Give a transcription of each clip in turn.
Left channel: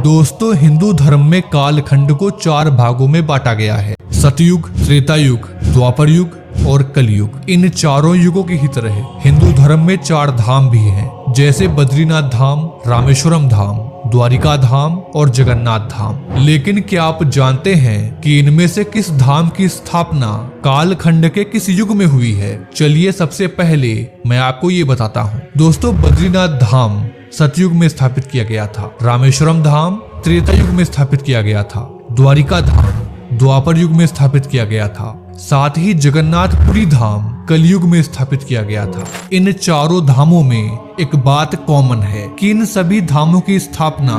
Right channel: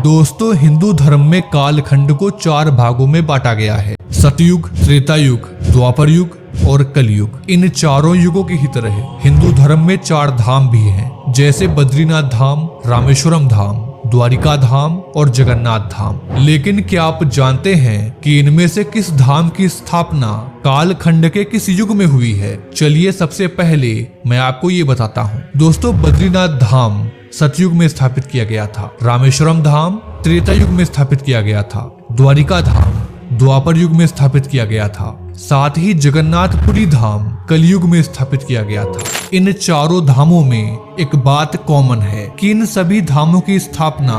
दोस्तों, हिंदू धर्म में कालखंड को 4 भागों में बांटा गया है। सतयुग, त्रेता युग, द्वापर युग और कलयुग। इन चारों युगों की ही तरह हिंदू धर्म में 4 धाम भी हैं, जैसे बद्रीनाथ धाम, रामेश्वरम धाम, द्वारिका धाम और जगन्नाथ धाम। लेकिन क्या आप जानते हैं कि इनमें से किस धाम की स्थापना कालखंड के किस युग में हुई है? चलिए सबसे पहले मैं आपको ये बताता हूँ। दोस्तों, बद्रीनाथ धाम सतयुग में स्थापित किया गया था, रामेश्वरम धाम त्रेता युग में स्थापित किया गया था, द्वारिका धाम द्वापर युग में स्थापित किया गया था, साथ ही जगन्नाथपुरी धाम कलयुग में स्थापित किया गया था। इन चारों धामों में एक बात कॉमन है कि इन सभी धामों की स्थापना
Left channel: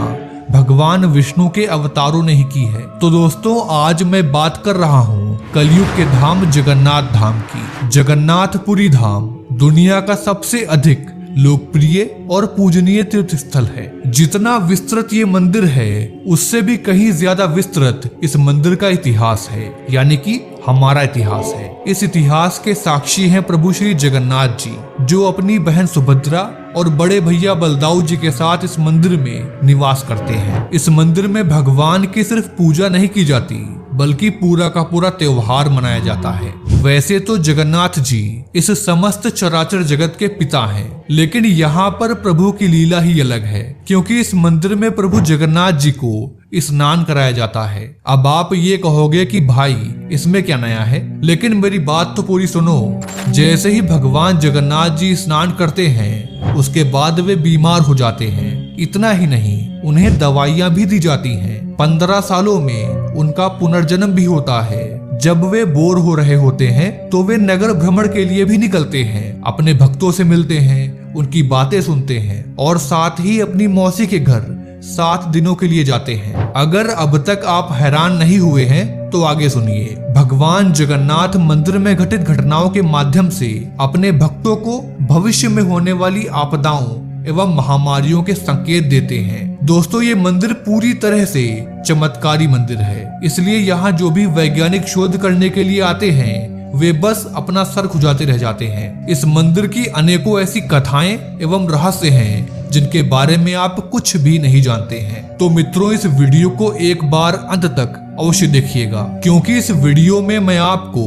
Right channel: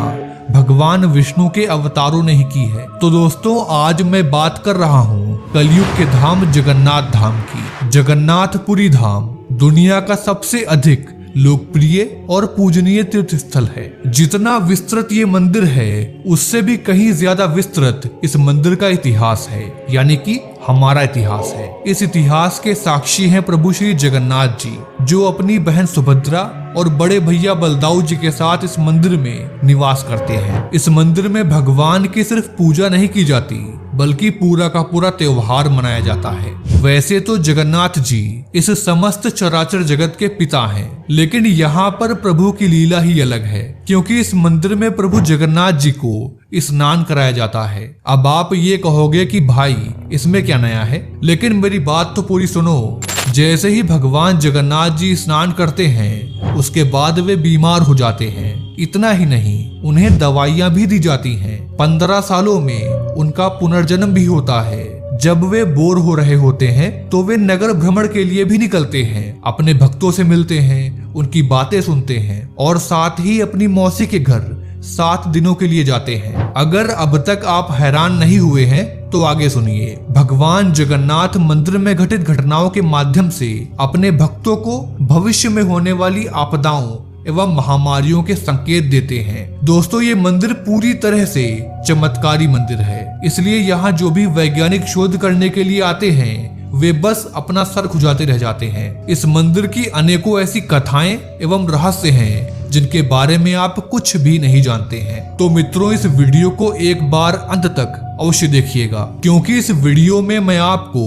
भगवान विष्णु के अवतारों ने ही की है। तो दोस्तों, आज मैं बात कर रहा हूँ कलयुग के धाम जगन्नाथ धाम की। जगन्नाथपुरी धाम दुनिया का सबसे अधिक लोकप्रिय और पूजनीय तीर्थ स्थल है। जितना विस्तृत ये मंदिर है, उससे भी कहीं ज्यादा विस्तृत इस मंदिर का इतिहास है, यानी कि हमारा इतिहास है। इस इतिहास के साक्षी हैं प्रभु श्री जगन्नाथ जी, जो अपनी बहन सुभद्रा और बड़े भैया बलदाऊ जी के साथ इस मंदिर में निवास करते हैं। इस मंदिर में भगवान की सिर्फ पूजा नहीं की जाती, बल्कि पूरा का पूरा त्योहार मनाया जाता है। वैसे तो जगन्नाथ जी इस समस्त चराचर जगत के पिता हैं, लेकिन यहाँ पर प्रभु की लीला ही अलग है, क्योंकि इस मंदिर में प्रभु जगन्नाथ जी को स्नान कराया जाता है। अब आप ये कहोगे कि भाई इसमें क्या नया है, लेकिन मेरी बात तो पूरी सुनो। जैसे ही भगवान जगन्नाथ जी स्नान करते हैं, उसके बाद वे बीमार हो जाते हैं। इतना ही नहीं, उन्हें दवाइयाँ भी दी जाती हैं। 15 सालों में उनका पुनर्जन्म भी होता है। जब वे बोर हो रहे होते हैं तो वे नगर भ्रमण के लिए भी निकलते हैं, अपने भक्तों से मिलते हैं, उनकी बातें सुनते हैं और साथ ही अपनी मौसी के घर 7 दिनों के लिए जाते हैं। अगर अब तक आप हैरान नहीं हुए हैं तो आगे सुनिए। भगवान जगन्नाथ मंदिर में घटित घटनाओं के माध्यम से अपने भक्तों को भविष्य में होने वाली आपदाओं एवं महामारियों के संकेत देते हैं। दोस्तों, ये मंदिर पूरी तरह से चमत्कारी मंदिर है, इसलिए यहाँ जो भी वैज्ञानिक शोध करने के लिए आते हैं, वे बस अपना सर खुजाते रह जाते हैं। इस मंदिर की अनेकों ऐसी कथाएं एवं रहस्य हैं, जिनके बारे में आप कुछ भी नहीं जानते हैं। तो मित्रों, इस वीडियो को एक बार अंत तक अवश्य देखिएगा, क्योंकि इस वीडियो में मैं आपको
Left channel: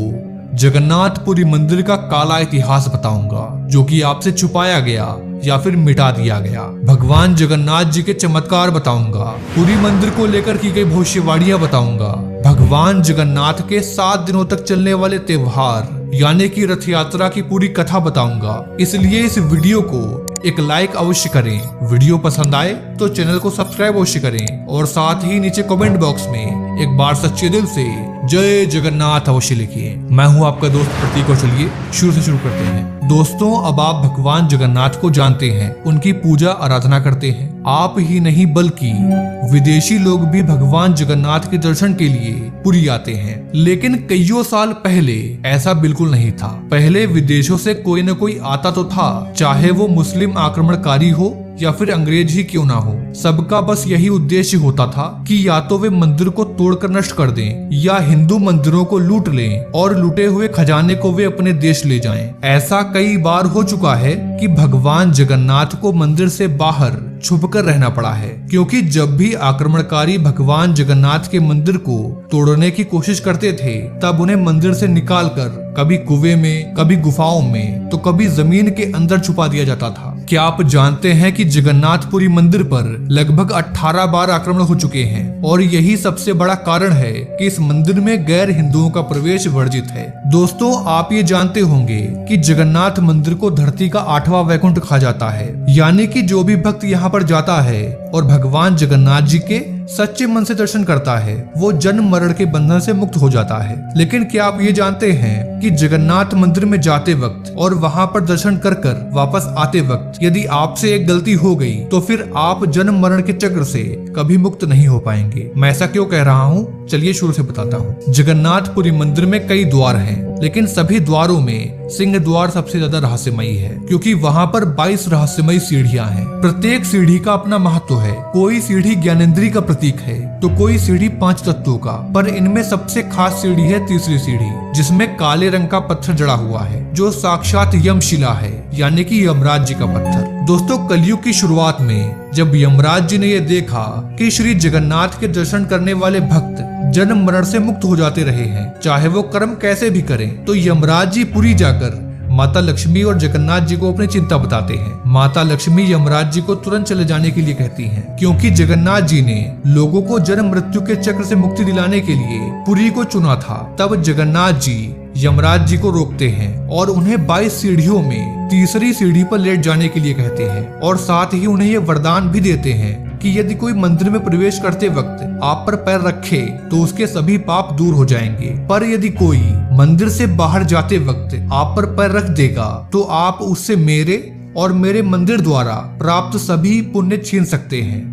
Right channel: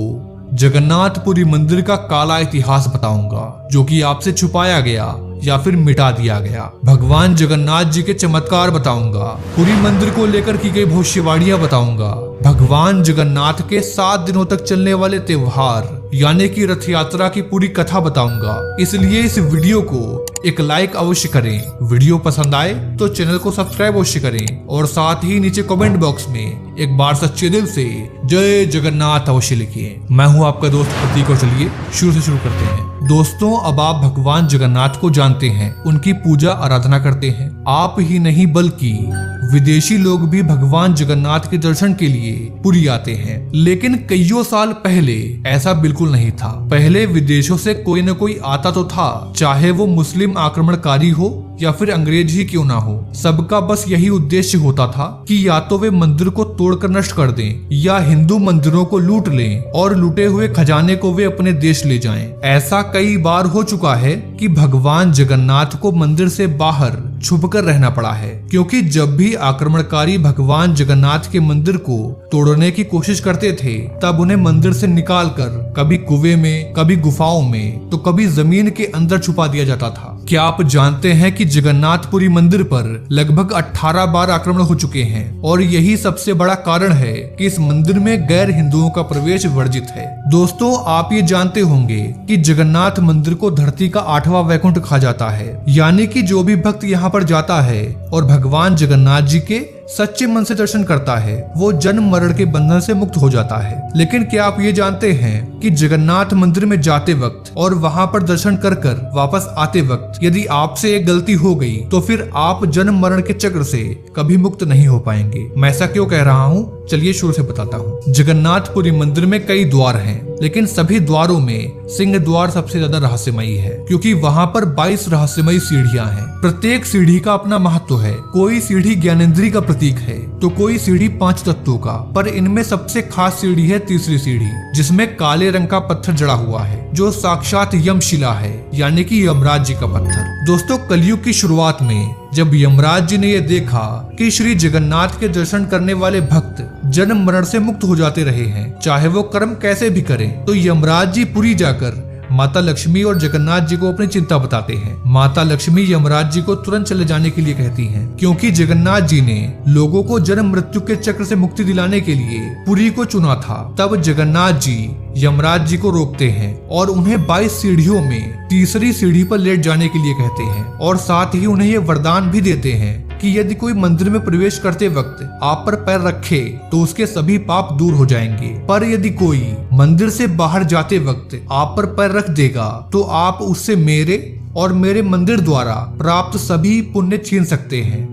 जगन्नाथपुरी मंदिर का काला इतिहास बताऊंगा, जो कि आपसे छुपाया गया या फिर मिटा दिया गया। भगवान जगन्नाथ जी के चमत्कार बताऊंगा, पुरी मंदिर को लेकर की गई भविष्यवाणियां बताऊंगा, भगवान जगन्नाथ के 7 दिनों तक चलने वाले त्योहार यानी कि रथ यात्रा की पूरी कथा बताऊंगा। इसलिए इस वीडियो को एक लाइक अवश्य करें। वीडियो पसंद आए तो चैनल को सब्सक्राइब अवश्य करें और साथ ही नीचे कमेंट बॉक्स में एक बार सच्चे दिल से जय जगन्नाथ अवश्य लिखिए। मैं हूँ आपका दोस्त प्रतीक और चलिए शुरू से शुरू करते हैं। दोस्तों, अब आप भगवान जगन्नाथ को जानते हैं, उनकी पूजा आराधना करते हैं। आप ही नहीं बल्कि विदेशी लोग भी भगवान जगन्नाथ के दर्शन के लिए पुरी आते हैं। लेकिन कईयों साल पहले ऐसा बिल्कुल नहीं था। पहले विदेशों से कोई न कोई आता तो था, चाहे वो मुस्लिम आक्रमणकारी हो या फिर अंग्रेज ही क्यों ना हो। सबका बस यही उद्देश्य होता था कि या तो वे मंदिर को तोड़कर नष्ट कर दें या हिंदू मंदिरों को लूट लें और लूटे हुए खजाने को वे अपने देश ले जाएं। ऐसा कई बार हो चुका है कि भगवान जगन्नाथ को मंदिर से बाहर छुपकर रहना पड़ा है, क्योंकि जब भी आक्रमणकारी भगवान जगन्नाथ के मंदिर को तोड़ने की कोशिश करते थे, तब उन्हें मंदिर से निकालकर कभी कुएं में, कभी गुफाओं में, तो कभी जमीन के अंदर छुपा दिया जाता था। क्या आप जानते हैं कि जगन्नाथपुरी मंदिर पर लगभग 18 बार आक्रमण हो चुके हैं और यही सबसे बड़ा कारण है कि इस मंदिर में गैर हिंदुओं का प्रवेश वर्जित है। दोस्तों, आप ये जानते होंगे कि जगन्नाथ मंदिर को धरती का 8वां वैकुंठ कहा जाता है, यानी कि जो भी भक्त यहाँ पर जाता है और भगवान जगन्नाथ जी के सच्चे मन से दर्शन करता है, वो जन्म मरण के बंधन से मुक्त हो जाता है। लेकिन क्या आप ये जानते हैं कि जगन्नाथ मंदिर में जाते वक्त और वहाँ पर दर्शन कर वापस आते वक्त यदि आपसे एक गलती हो गई तो फिर आप जन्म मरण के चक्र से कभी मुक्त नहीं हो पाएंगे। मैं ऐसा क्यों कह रहा हूँ, चलिए शुरू से बताता हूँ। जगन्नाथपुरी मंदिर में कई द्वार हैं, लेकिन सभी द्वारों में सिंह द्वार सबसे ज्यादा रहस्यमयी है, क्योंकि वहाँ पर 22 रहस्यमयी सीढ़ियाँ हैं। प्रत्येक सीढ़ी का अपना महत्व है। कोई सीढ़ी ज्ञानेंद्री का प्रतीक है तो कोई सीढ़ी 5 तत्वों का, पर इनमें सबसे खास सीढ़ी है तीसरी सीढ़ी, जिसमें काले रंग का पत्थर जड़ा हुआ है, जो साक्षात यमशिला है। यानी कि यमराज जी का पत्थर। दोस्तों कलयुग की शुरुआत में जब यमराज जी ने यह देखा कि श्री जगन्नाथ के दर्शन करने वाले भक्त जन्म मरण से मुक्त हो जाते रहे हैं, चाहे वो कर्म कैसे भी करें, तो यमराज जी पुरी जाकर माता लक्ष्मी और जगन्नाथ जी को अपनी चिंता बताते हैं। माता लक्ष्मी यमराज जी को तुरंत चले जाने के लिए कहती हैं, क्योंकि जगन्नाथ जी ने लोगों को जन्म मृत्यु के चक्र से मुक्ति दिलाने के लिए पुरी को चुना था। तब जगन्नाथ जी यमराज जी को रोकते हैं और उन्हें 22 सीढ़ियों में तीसरी सीढ़ी पर लेट जाने के लिए कहते हैं और साथ ही उन्हें ये वरदान भी देते हैं कि यदि कोई मंदिर में प्रवेश करते वक्त आप पर पैर रखे तो उसके सभी पाप दूर हो जाएंगे, पर यदि कोई मंदिर से बाहर जाते वक्त आप पर पैर रख देगा तो आप उससे मेरे और मेरे मंदिर द्वारा प्राप्त सभी पुण्य छीन सकते हैं।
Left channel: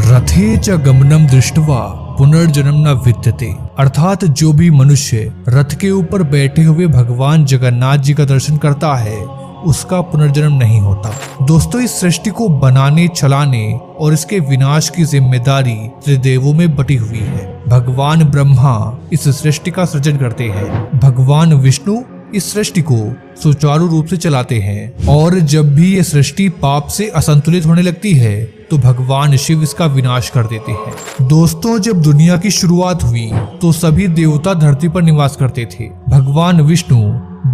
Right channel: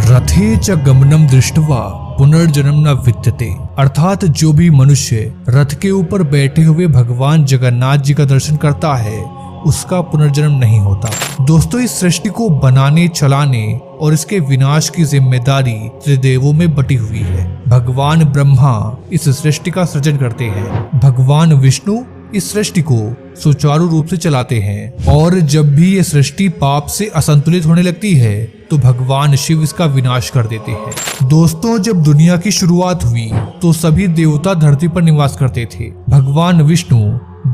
रथे च गमनम दृष्ट्वा पुनर्जन्म न विद्यते, अर्थात जो भी मनुष्य रथ के ऊपर बैठे हुए भगवान जगन्नाथ जी का दर्शन करता है उसका पुनर्जन्म नहीं होता। दोस्तों इस सृष्टि को बनाने, चलाने और इसके विनाश की जिम्मेदारी त्रिदेवों में बटी हुई है। भगवान ब्रह्मा इस सृष्टि का सृजन करते हैं, भगवान विष्णु इस सृष्टि को सुचारू रूप से चलाते हैं और जब भी ये सृष्टि पाप से असंतुलित होने लगती है तो भगवान शिव इसका विनाश कर देते हैं। दोस्तों जब दुनिया की शुरुआत हुई तो सभी देवता धरती पर निवास करते थे। भगवान विष्णु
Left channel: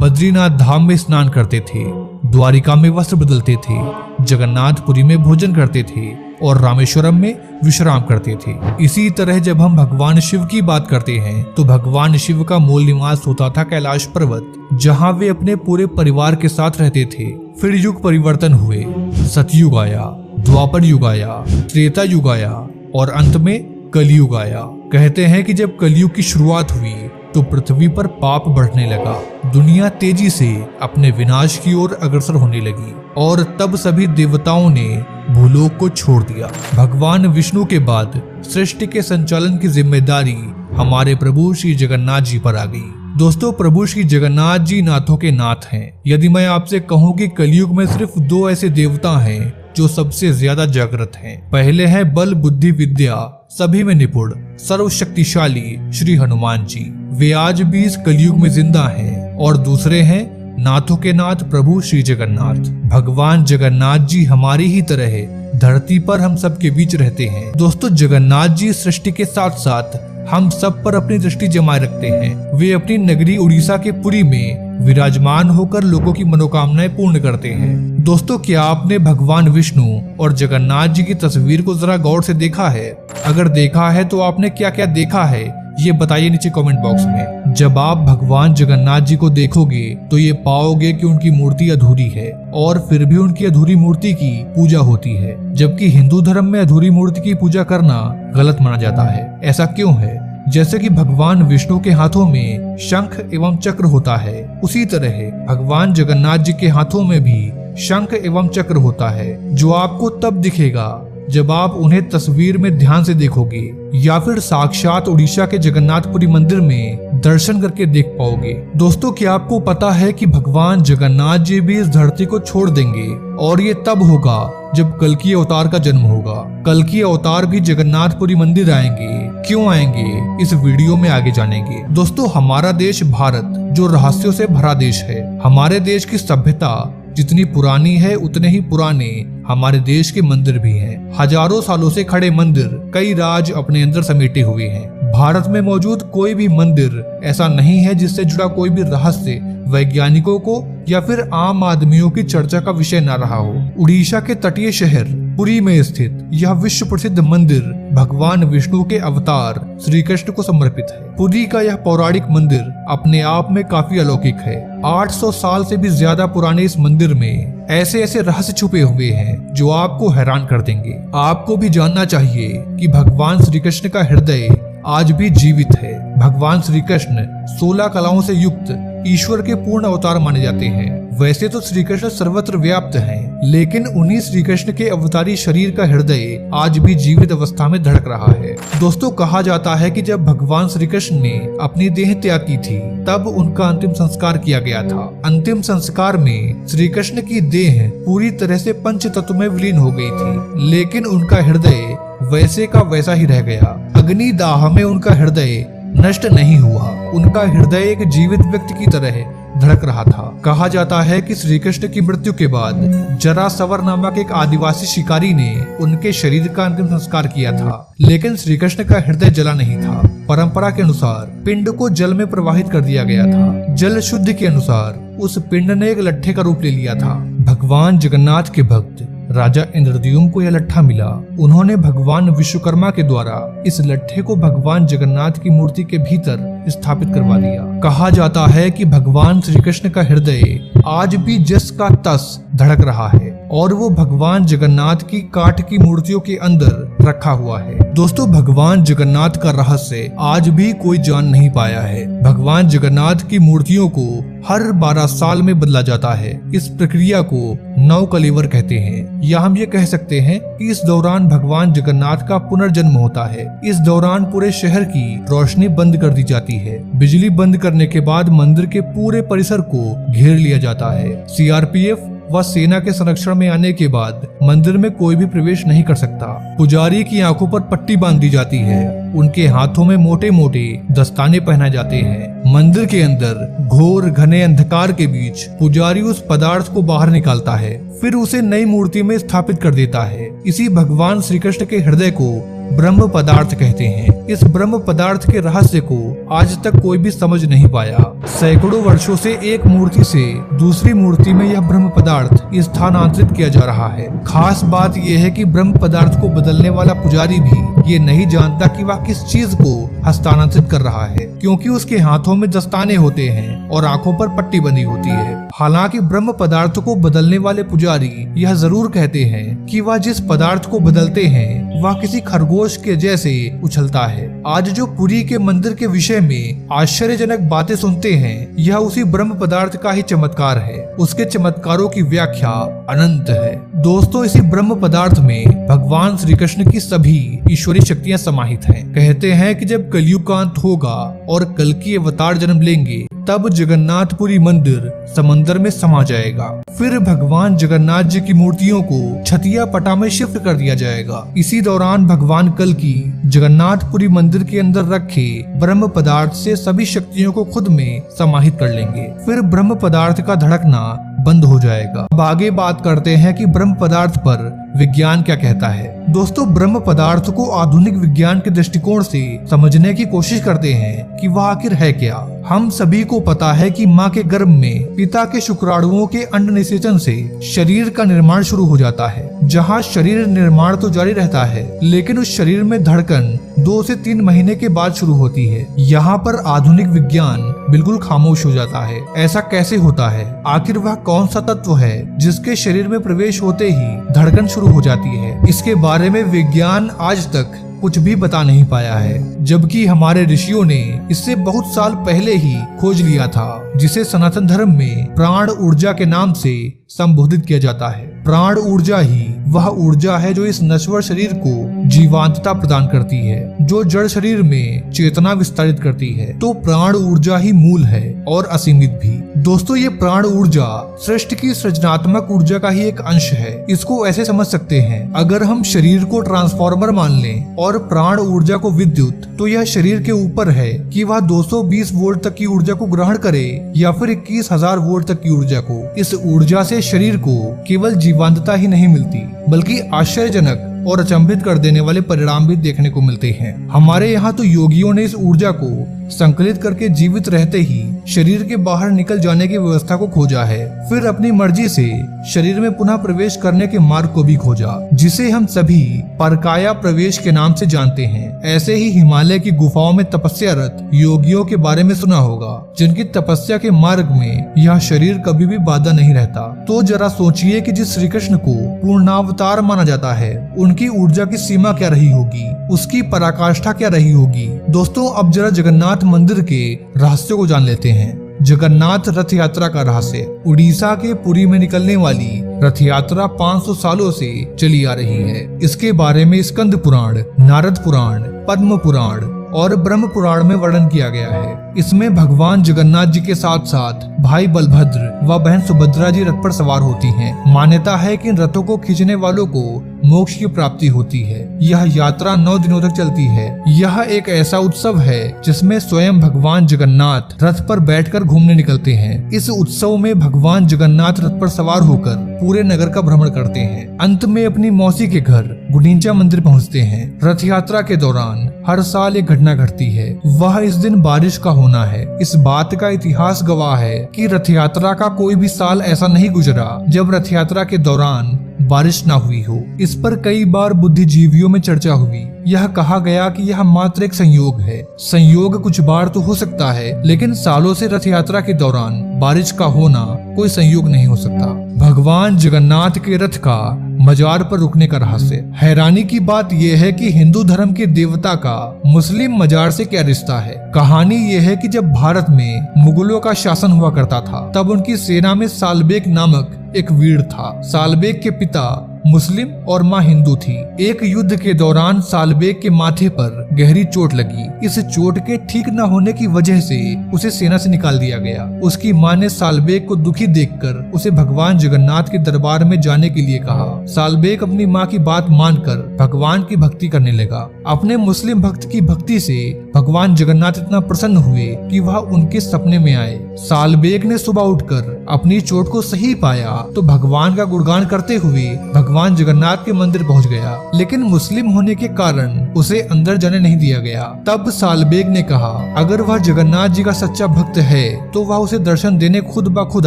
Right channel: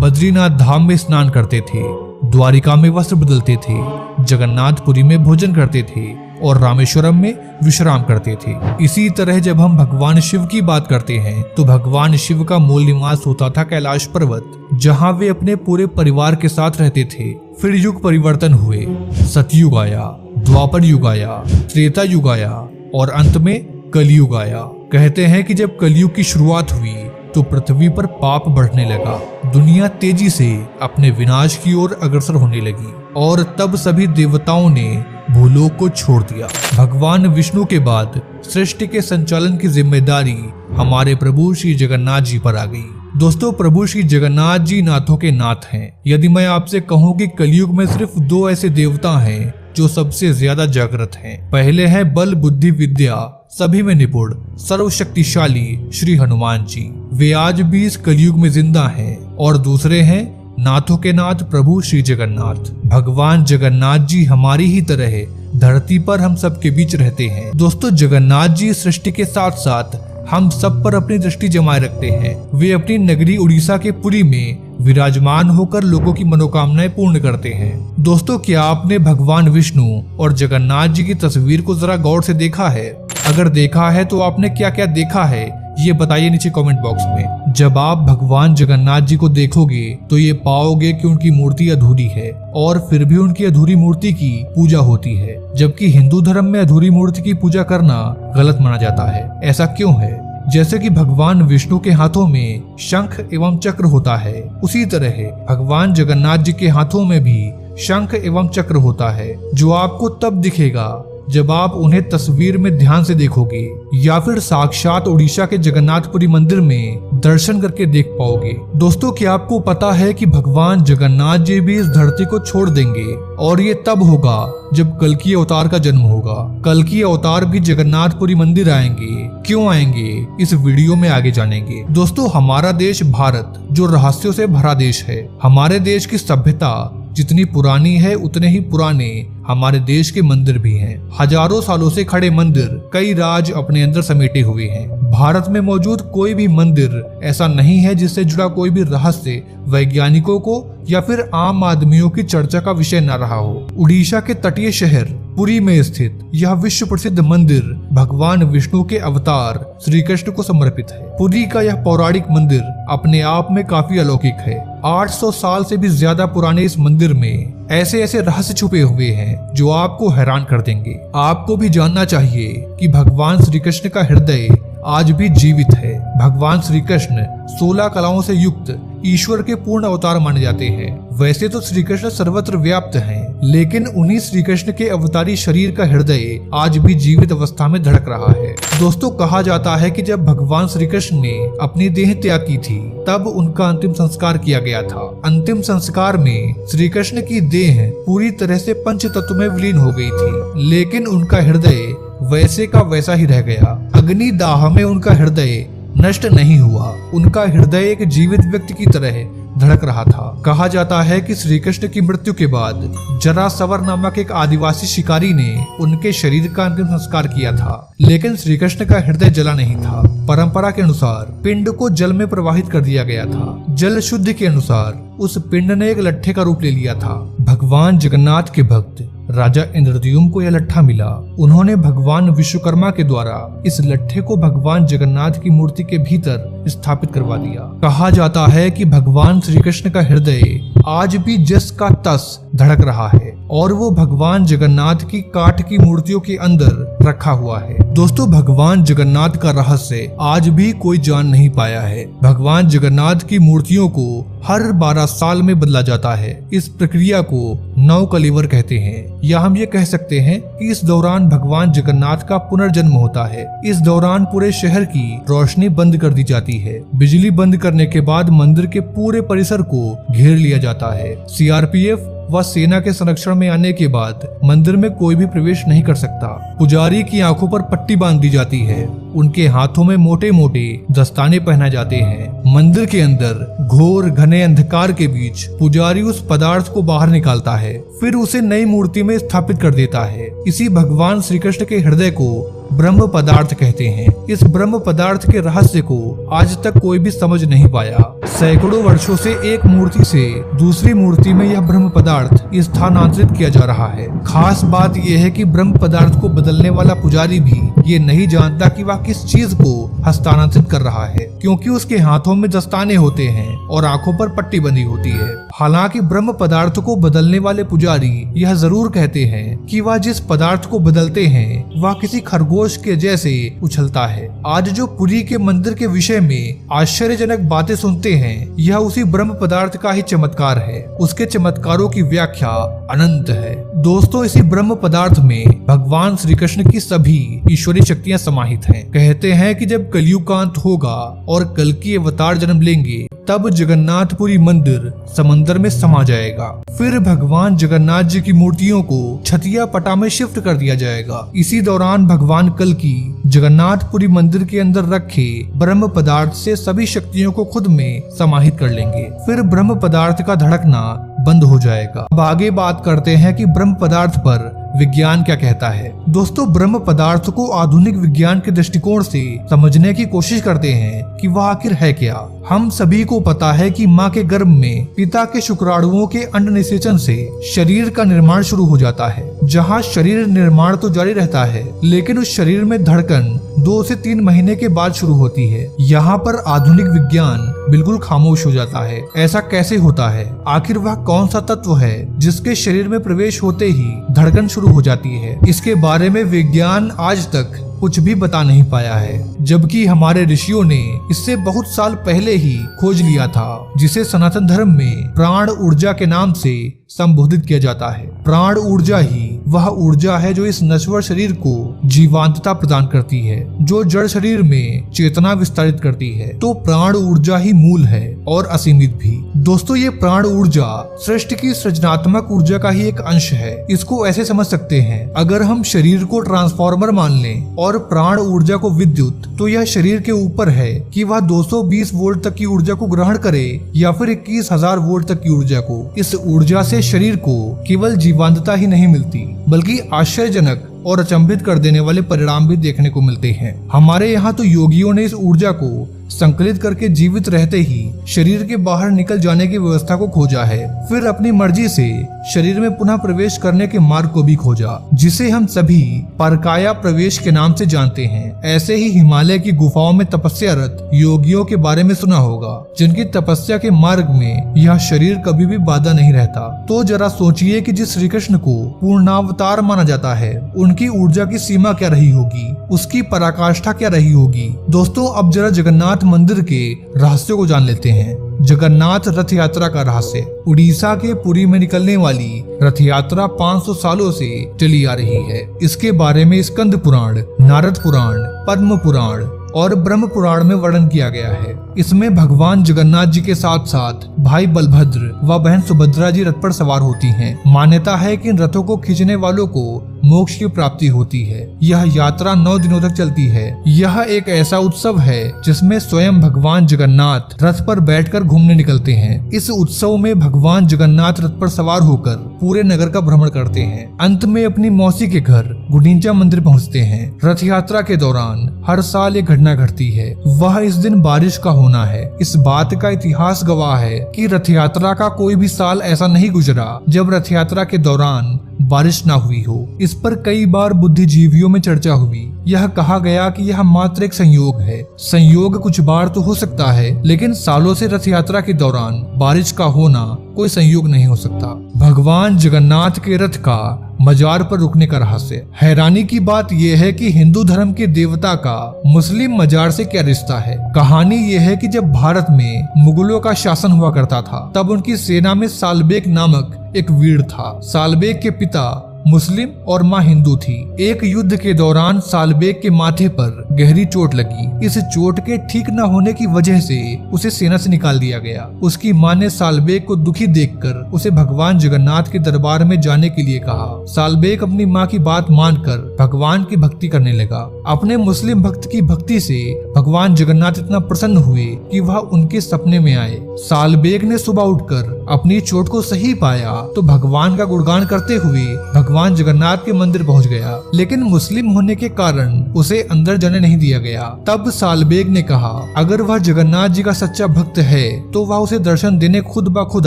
बद्रीनाथ धाम में स्नान करते थे, द्वारिका में वस्त्र बदलते थे, जगन्नाथपुरी में भोजन करते थे और रामेश्वरम में विश्राम करते थे। इसी तरह जब हम भगवान शिव की बात करते हैं तो भगवान शिव का मूल निवास होता था कैलाश पर्वत, जहाँ वे अपने पूरे परिवार के साथ रहते थे। फिर युग परिवर्तन हुए, सतयुग आया, द्वापर युग आया, त्रेता युग आया और अंत में कलयुग आया। कहते हैं कि जब कलयुग की शुरुआत हुई तो पृथ्वी पर पाप बढ़ने लगा, दुनिया तेजी से अपने विनाश की ओर अग्रसर होने लगी और तब सभी देवताओं ने भूलोक को छोड़ दिया। भगवान विष्णु के बाद सृष्टि के संचालन की जिम्मेदारी हमारे प्रभु श्री जगन्नाथ जी पर आ गई। दोस्तों प्रभु श्री जगन्नाथ जी नाथों के नाथ हैं। यदि मैं आपसे कहूँ कि कलयुग में सिर्फ 2 ऐसे देवता हैं जो सबसे ज्यादा जागृत हैं, पहले है बल बुद्धि विद्या सभी में निपुण सर्वशक्तिशाली श्री हनुमान जी, वे आज भी इस कलयुग में जिंदा हैं, और दूसरे हैं नाथों के नाथ प्रभु श्री जगन्नाथ। भगवान जगन्नाथ जी हमारी ही तरह धरती पर हम सबके बीच रहते हैं। दोस्तों जगन्नाथ जी सृष्टि के साथ साथ हम सब पर अपनी दृष्टि जमाए रखते हैं। वे अपनी नगरी उड़ीसा के पुरी में विराजमान होकर लोगों की मनोकामनाएं पूर्ण करते हैं। दोस्तों क्या आपने भगवान विष्णु और जगन्नाथ जी की तस्वीर को जरा गौर से देखा है? अगर देखा है तो आपने क्या क्या देखा है ये बताइए नीचे कमेंट बॉक्स में। जब आप भगवान जगन्नाथ जी को देखोगे तो ये पाओगे कि उनकी मूर्ति अधूरी है और फिर भी उनकी अधूरी मूर्ति की पूजा होती है, जबकि हिंदू धर्म में अधूरी मूर्ति की पूजा करना गलत माना जाता है। ऐसा क्यों है? जैसे कि भगवान विष्णु के हाथों में शंख एवं चक्र होता है, उसी तरह भगवान जगन्नाथ जी के हाथों में भी शंख एवं चक्र होता है, जो आपको तब दिखेगा जब आप उन्हें तस्वीर में ध्यान से देखोगे या फिर साक्षात उड़ीसा के जगन्नाथपुरी मंदिर में दर्शन करके देख पाओगे। दोस्तों क्या आपको पता है कि भगवान जगन्नाथ जी भी इस धरती को छोड़ देंगे और ये तब होगा जब कल्कि अवतार का जन्म होगा। कल्कि अवतार भी जगन्नाथपुरी मंदिर आएंगे। क्यों आएंगे इस वीडियो में आगे जानेंगे। दोस्तों हमारा देश भारत जो रहस्यों से भरा देश है, हमारे देश की सभ्यता जितनी पुरानी है उतने ही पुराने हमारे देश के मंदिर भी हैं। हजारों सालों से खड़े मंदिर कई राज अपने अंदर समेटे हुए हैं। भारत में मौजूद कोई भी मंदिर ऐसा नहीं है जिससे जुड़ा कोई भी रहस्य वैज्ञानिकों को या फिर आम आदमियों की चर्चा का विषय न रहा हो। उड़ीसा के तटीय शहर पुरी में स्थित यह विश्व प्रसिद्ध मंदिर भगवान विष्णु के अवतार श्री कृष्ण को समर्पित है। पुरी का यह पौराणिक मंदिर अपने आप में काफी अलौकिक है। 800 साल से भी ज्यादा पुराने इस मंदिर में ऐसे ऐसे रहस्य छुपे हुए हैं जो आपको हैरान कर देंगे। आपको भी जानना चाहिए कि भगवान श्री कृष्ण का हृदय आज भी जीवित है। भगवान श्री कृष्ण 16 कलाओं से युक्त ईश्वर के पूर्ण अवतार माने जाते हैं। वैसे तो श्री कृष्ण सर्वत्र व्याप्त हैं, लेकिन उन्हीं श्री कृष्ण के अवतारी शरीर का हृदय आज भी जीवित अवस्था में धड़क रहा है। दोस्तों कहा जाता है कि जब भगवान श्री कृष्ण ने अपनी देह त्याग की थी तब उनका अंतिम संस्कार किया गया था। अंतिम संस्कार में श्री कृष्ण की देह पूरी तरह से पंच तत्व में विलीन हो गई थी, लेकिन उनका हृदय वैसे का वैसा ही रह गया। अग्नि दाह में उनका हृदय नष्ट नहीं हुआ। उनका हृदय एक जीवित व्यक्ति की तरह धड़क रहा था। कहा जाता है कि श्री कृष्ण की मृत्यु के बाद जरासवर नामक एक आदिवासी शिकारी ने उनके शरीर का अंतिम संस्कार किया था, लेकिन श्री कृष्ण का हृदय जला नहीं था। परंपरा के अनुसार पिंड को जल में प्रवाहित कर दिया गया था। जल शुद्ध के अनुसार उस पिंड ने एक लट्ठे का रूप ले लिया था। भगवान जगन्नाथ के भक्त राजा इंद्रद्युम्न को यह लट्ठा मिला। उन्होंने भगवान विश्वकर्मा के द्वारा इस लट्ठे को भगवान जगन्नाथ की मूर्ति के भीतर स्थापित करवा दिया। कहा जाता है कि भगवान श्री कृष्ण का हृदय आज भी जस का तस धड़क रहा है और वो भगवान जगन्नाथ की काठ की मूर्तियों के अंदर रखा हुआ है। दोस्तों, भगवान जगन्नाथ का रहस्य आज भी कोई जान नहीं पाया है। भगवान जगन्नाथ की मूर्तियों को हर 12 साल में बदला जाता है। इस प्रक्रिया को नवकलेवर कहते हैं, या हम ये कह सकते हैं कि इस दौरान भगवान जगन्नाथ का पुनर्जन्म होता है। इस दौरान पूरे शहर की रोशनी बंद कर दी जाती है। बिजली बंद करने के बाद मंदिर के पूरे परिसर को घेर लिया जाता है। सीआरपीएफ व सेना के संरक्षण में आने के बाद मंदिर में कोई भी प्रवेश नहीं कर सकता। पुजारी की आंखों पर पट्टी बांध दी जाती है। उनके हाथों में मोटे मोटे दस्ताने पहनाए जाते हैं। मंदिर के अंदर घोर घने अंधकार के बीच पुजारी उस पदार्थ को बाहर निकालता है, फिर उसे नई मूर्ति में स्थापित कर देता है। इसी भगवान श्री कृष्ण के हृदय को ब्रह्म पदार्थ कहते हैं। इस ब्रह्म पदार्थ के रहस्य को आज तक कोई भी समझ नहीं पाया। सैकड़ों वर्षों से एक मूर्ति से दूसरी मूर्ति में यह ब्रह्म पदार्थ स्थानांतरित किया जा रहा है। खास बात यह है कि ब्रह्म पदार्थ को बदलने वाला पुजारी भी ये नहीं जानता कि वह किस चीज को हस्तांतरित कर रहा है, क्योंकि उसके हाथों में दस्ताने होते हैं और आंखों पर पट्टी बंधी होती है। हालांकि ब्रह्म पदार्थ को बदलने वाले पुजारी यह जरूर कहते हैं कि वह जिस पदार्थ को बदलते हैं वह किसी खरगोश के जैसे उछलता है। आज जो पुरी के मंदिर के विषय में आश्चर्यजनक बातें सुनते हैं, यह उसी ब्रह्म पदार्थ का ही चमत्कार है। उसके चमत्कारों की व्याख्या अनंत है। दोस्तों, इसी ब्रह्म पदार्थ में भगवान श्री कृष्ण की सभी ईश्वरी शक्तियाँ समाहित हैं। कहते हैं कि जब कलयुग का अंत होगा और कल की अवतार जन्म लेंगे, तब जगन्नाथपुरी मंदिर समंदर में समा जाएगा। फिर भगवान जगन्नाथ जी की मूर्तियों को छतिया पटा में शिफ्ट कर दिया जाएगा। इसी दौरान भगवान कल की जगन्नाथपुरी मंदिर के अंदर रखे ब्रह्म पदार्थ से सभी शक्तियों को खुद में समाहित कर लेंगे। फिर ब्रह्म पदार्थ का धड़कना बंद हो जाएगा। अब आगे बात करते हैं कि ब्रह्म पदार्थ पर विज्ञान क्या कहता है। दोस्तों, ब्रह्म पदार्थ को आधुनिक विज्ञान के दृष्टिकोण से समझने की कोशिश करते हैं कि वह आखिर है क्या। हम सभी को पता है कि माँ के गर्भ में पिता के शुक्राणुओं के अंड निषेचन से शरीर का निर्माण शुरू हो जाता है। जहाँ शरीर निर्माण तो जारी रहता है, लेकिन उस शरीर में धड़कन 2 से 3 महीने के बाद शुरू होती है। यहाँ पर आधुनिक विज्ञान बिल्कुल खामोश हो जाता है। ऐसा कैसे होता है? आखिर वह कौन सा तत्व है जिसके शरीर में प्रवेश होते ही धड़कन शुरू हो जाती है? इसके बारे में विज्ञान आज तक कुछ भी बता नहीं पाया है, जबकि हमारे ऋषियों ने इससे बहुत साल पहले ही खोज लिया था, जिसे सनातन धर्म में प्राण ऊर्जा के नाम से संबोधित किया जाता है। प्राण ऊर्जा ही वह ऊर्जा है जो इस नश्वर शरीर को जीवांतता प्रदान करती है, जो जड़ शरीर में चेतना विस्तारित करती है। तो प्राण ऊर्जा ही मूल है और असीमित भी। दोस्तों, ये प्राण ऊर्जा सृष्टि की सृजनात्मक ऊर्जा का ही एक अंश है। इसको ऐसे समझ सकते हैं, अगर हम शरीर को ट्रांसफार्मर मान लें और प्राण ऊर्जा को विद्युत, तो यह शरीर के ऊपर है कि वह 220 वोल्ट तक की ऊर्जा को ग्रहण करे या फिर 21,000 वोल्ट तक की ऊर्जा को। इस ऊर्जा से शरीर को केवल जीवंतता ही नहीं मिलती, बल्कि आश्चर्यजनक और अचंभित कर देने वाले परिणाम भी देखने को मिलते हैं। हमारे यहाँ तो योगियों ने इस ऊर्जा को संकलित करके जीवित रहते ही शरीर के बाहर निकल जाने की व्यवस्था को खोजा है। फिर अपनी मर्जी से शरीर में पुनः प्रवेश करने के मार्ग को भी खोजा, जिसे हम सभी परकाया प्रवेश के नाम से जानते हैं। ऐसे ही हिमालय की गुफाओं में तपस्यारत योगियों के बारे में सुना होगा, जिनकी तपस्या के मार्ग में यह शरीर कभी भी बाधा नहीं रहता। तो जरा सोचिए कि जिस श्री कृष्ण को पूर्णावतार माना जाता है, उनकी ऊर्जा की सीमा क्या रही होगी, उसकी पराकाष्ठा क्या रही होगी। दोस्तों, अब जरा जगन्नाथ मंदिर के रहस्य को जान लेते हैं। जगन्नाथ रथ यात्रा का रहस्य। उड़ीसा के पुरी में निकलने वाली रथ यात्रा 500 सालों से चली आ रही है। इसके बारे में स्कंद पुराण, नारद पुराण, पद्म पुराण और ब्रह्म पुराण में वर्णन किया गया है। इसमें भगवान जगन्नाथ जी के साथ साथ भाई बलभद्र व बहन सुभद्रा जी रथ पर सवार होती हैं। मान्यता है कि रथों को खींचने वालों को मोक्ष की प्राप्ति होती है। यह यात्रा 9 दिनों तक चलती है। यह एक ऐसा उत्सव है जिसमें स्वयं भगवान जगन्नाथ रथ पर बैठकर घूमने निकलते हैं। इस उत्सव में भगवान जगन्नाथ रथ पर सवार होकर पूरे नगर का भ्रमण करते हैं। अंत में अपनी मौसी के घर गुंडीचा मंदिर पहुंचते हैं। रथ यात्रा के दौरान हर साल एक घटना घटती है, वह इस दिन बारिश का होना है। इस बात का इतिहास गवाह है कि रथ यात्रा का कोई भी साल ऐसा नहीं गुजरा जब रथ यात्रा के दौरान बारिश न हुई हो। इस पर कई बार बुद्धिजीवियों में चर्चा हुई। यह कहा गया कि यह मात्र एक संयोग है। संयोग कुछ बार तो हो सकता है, लेकिन सालों से रथ यात्रा के दौरान बारिश का होना कोई संयोग नहीं हो सकता। भगवान जगन्नाथ के रथ का मजार पर रुकने का रहस्य। हैरानी की बात यह है कि हिंदू धर्म के देवता का मुस्लिम मजार से क्या रिश्ता है। कहानी यह है कि जब भारत में मुगलों का शासन हुआ करता था, तब उनकी सेना में सालबेग नामक एक वीर था। सालबेग के पिता मुस्लिम और माँ हिंदू थी। एक युद्ध के दौरान सालबेग के माथे पर गहरी चोट लगी। इस चोट के ठीक न होने की वजह से उसे सेना से निकाल दिया गया। उसकी माँ ने सालबेग को दुखी देखकर उसे भगवान जगन्नाथ के दरबार में जाने के लिए कहा। सालबेग अपनी माँ की बात मानकर भगवान की भक्ति करने लगा। अपने मुस्लिम भक्त की भक्ति से भगवान जगन्नाथ इतना प्रसन्न हुए कि वह उनके सपने में आए। सालबेग ने सुबह उठकर अपनी चोट को सही पाया तो भगवान का गुणगान करते हुए भगवान जगन्नाथ के मंदिर पहुंच गया, लेकिन मुस्लिम होने के कारण उसे अंदर जाने नहीं दिया गया। तब सालबेग ने कहा, अगर वह जगन्नाथ जी का सच्चा भक्त है तो वह उसे दर्शन देने खुद ब खुद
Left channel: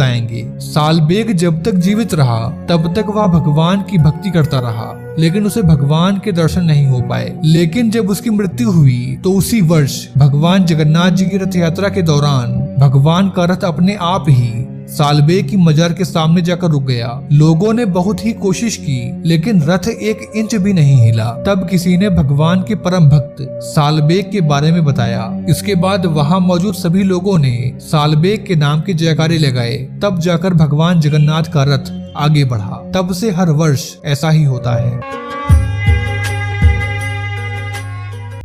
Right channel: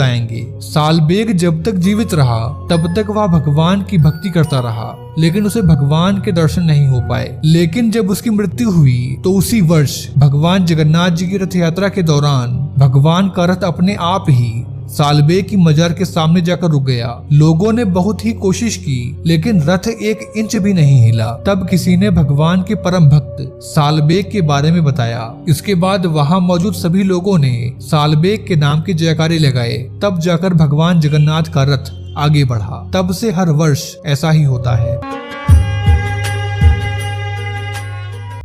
आएंगे। सालबेग जब तक जीवित रहा तब तक वह भगवान की भक्ति करता रहा, लेकिन उसे भगवान के दर्शन नहीं हो पाए। लेकिन जब उसकी मृत्यु हुई तो उसी वर्ष भगवान जगन्नाथ जी की रथ यात्रा के दौरान भगवान का रथ अपने आप ही सालबेग की मजार के सामने जाकर रुक गया। लोगों ने बहुत ही कोशिश की, लेकिन रथ 1 इंच भी नहीं हिला। तब किसी ने भगवान के परम भक्त सालबेग के बारे में बताया। इसके बाद वहां मौजूद सभी लोगों ने सालबेग के नाम की जयकारे लगाए। तब जाकर भगवान जगन्नाथ का रथ आगे बढ़ा। तब से हर वर्ष ऐसा ही होता है।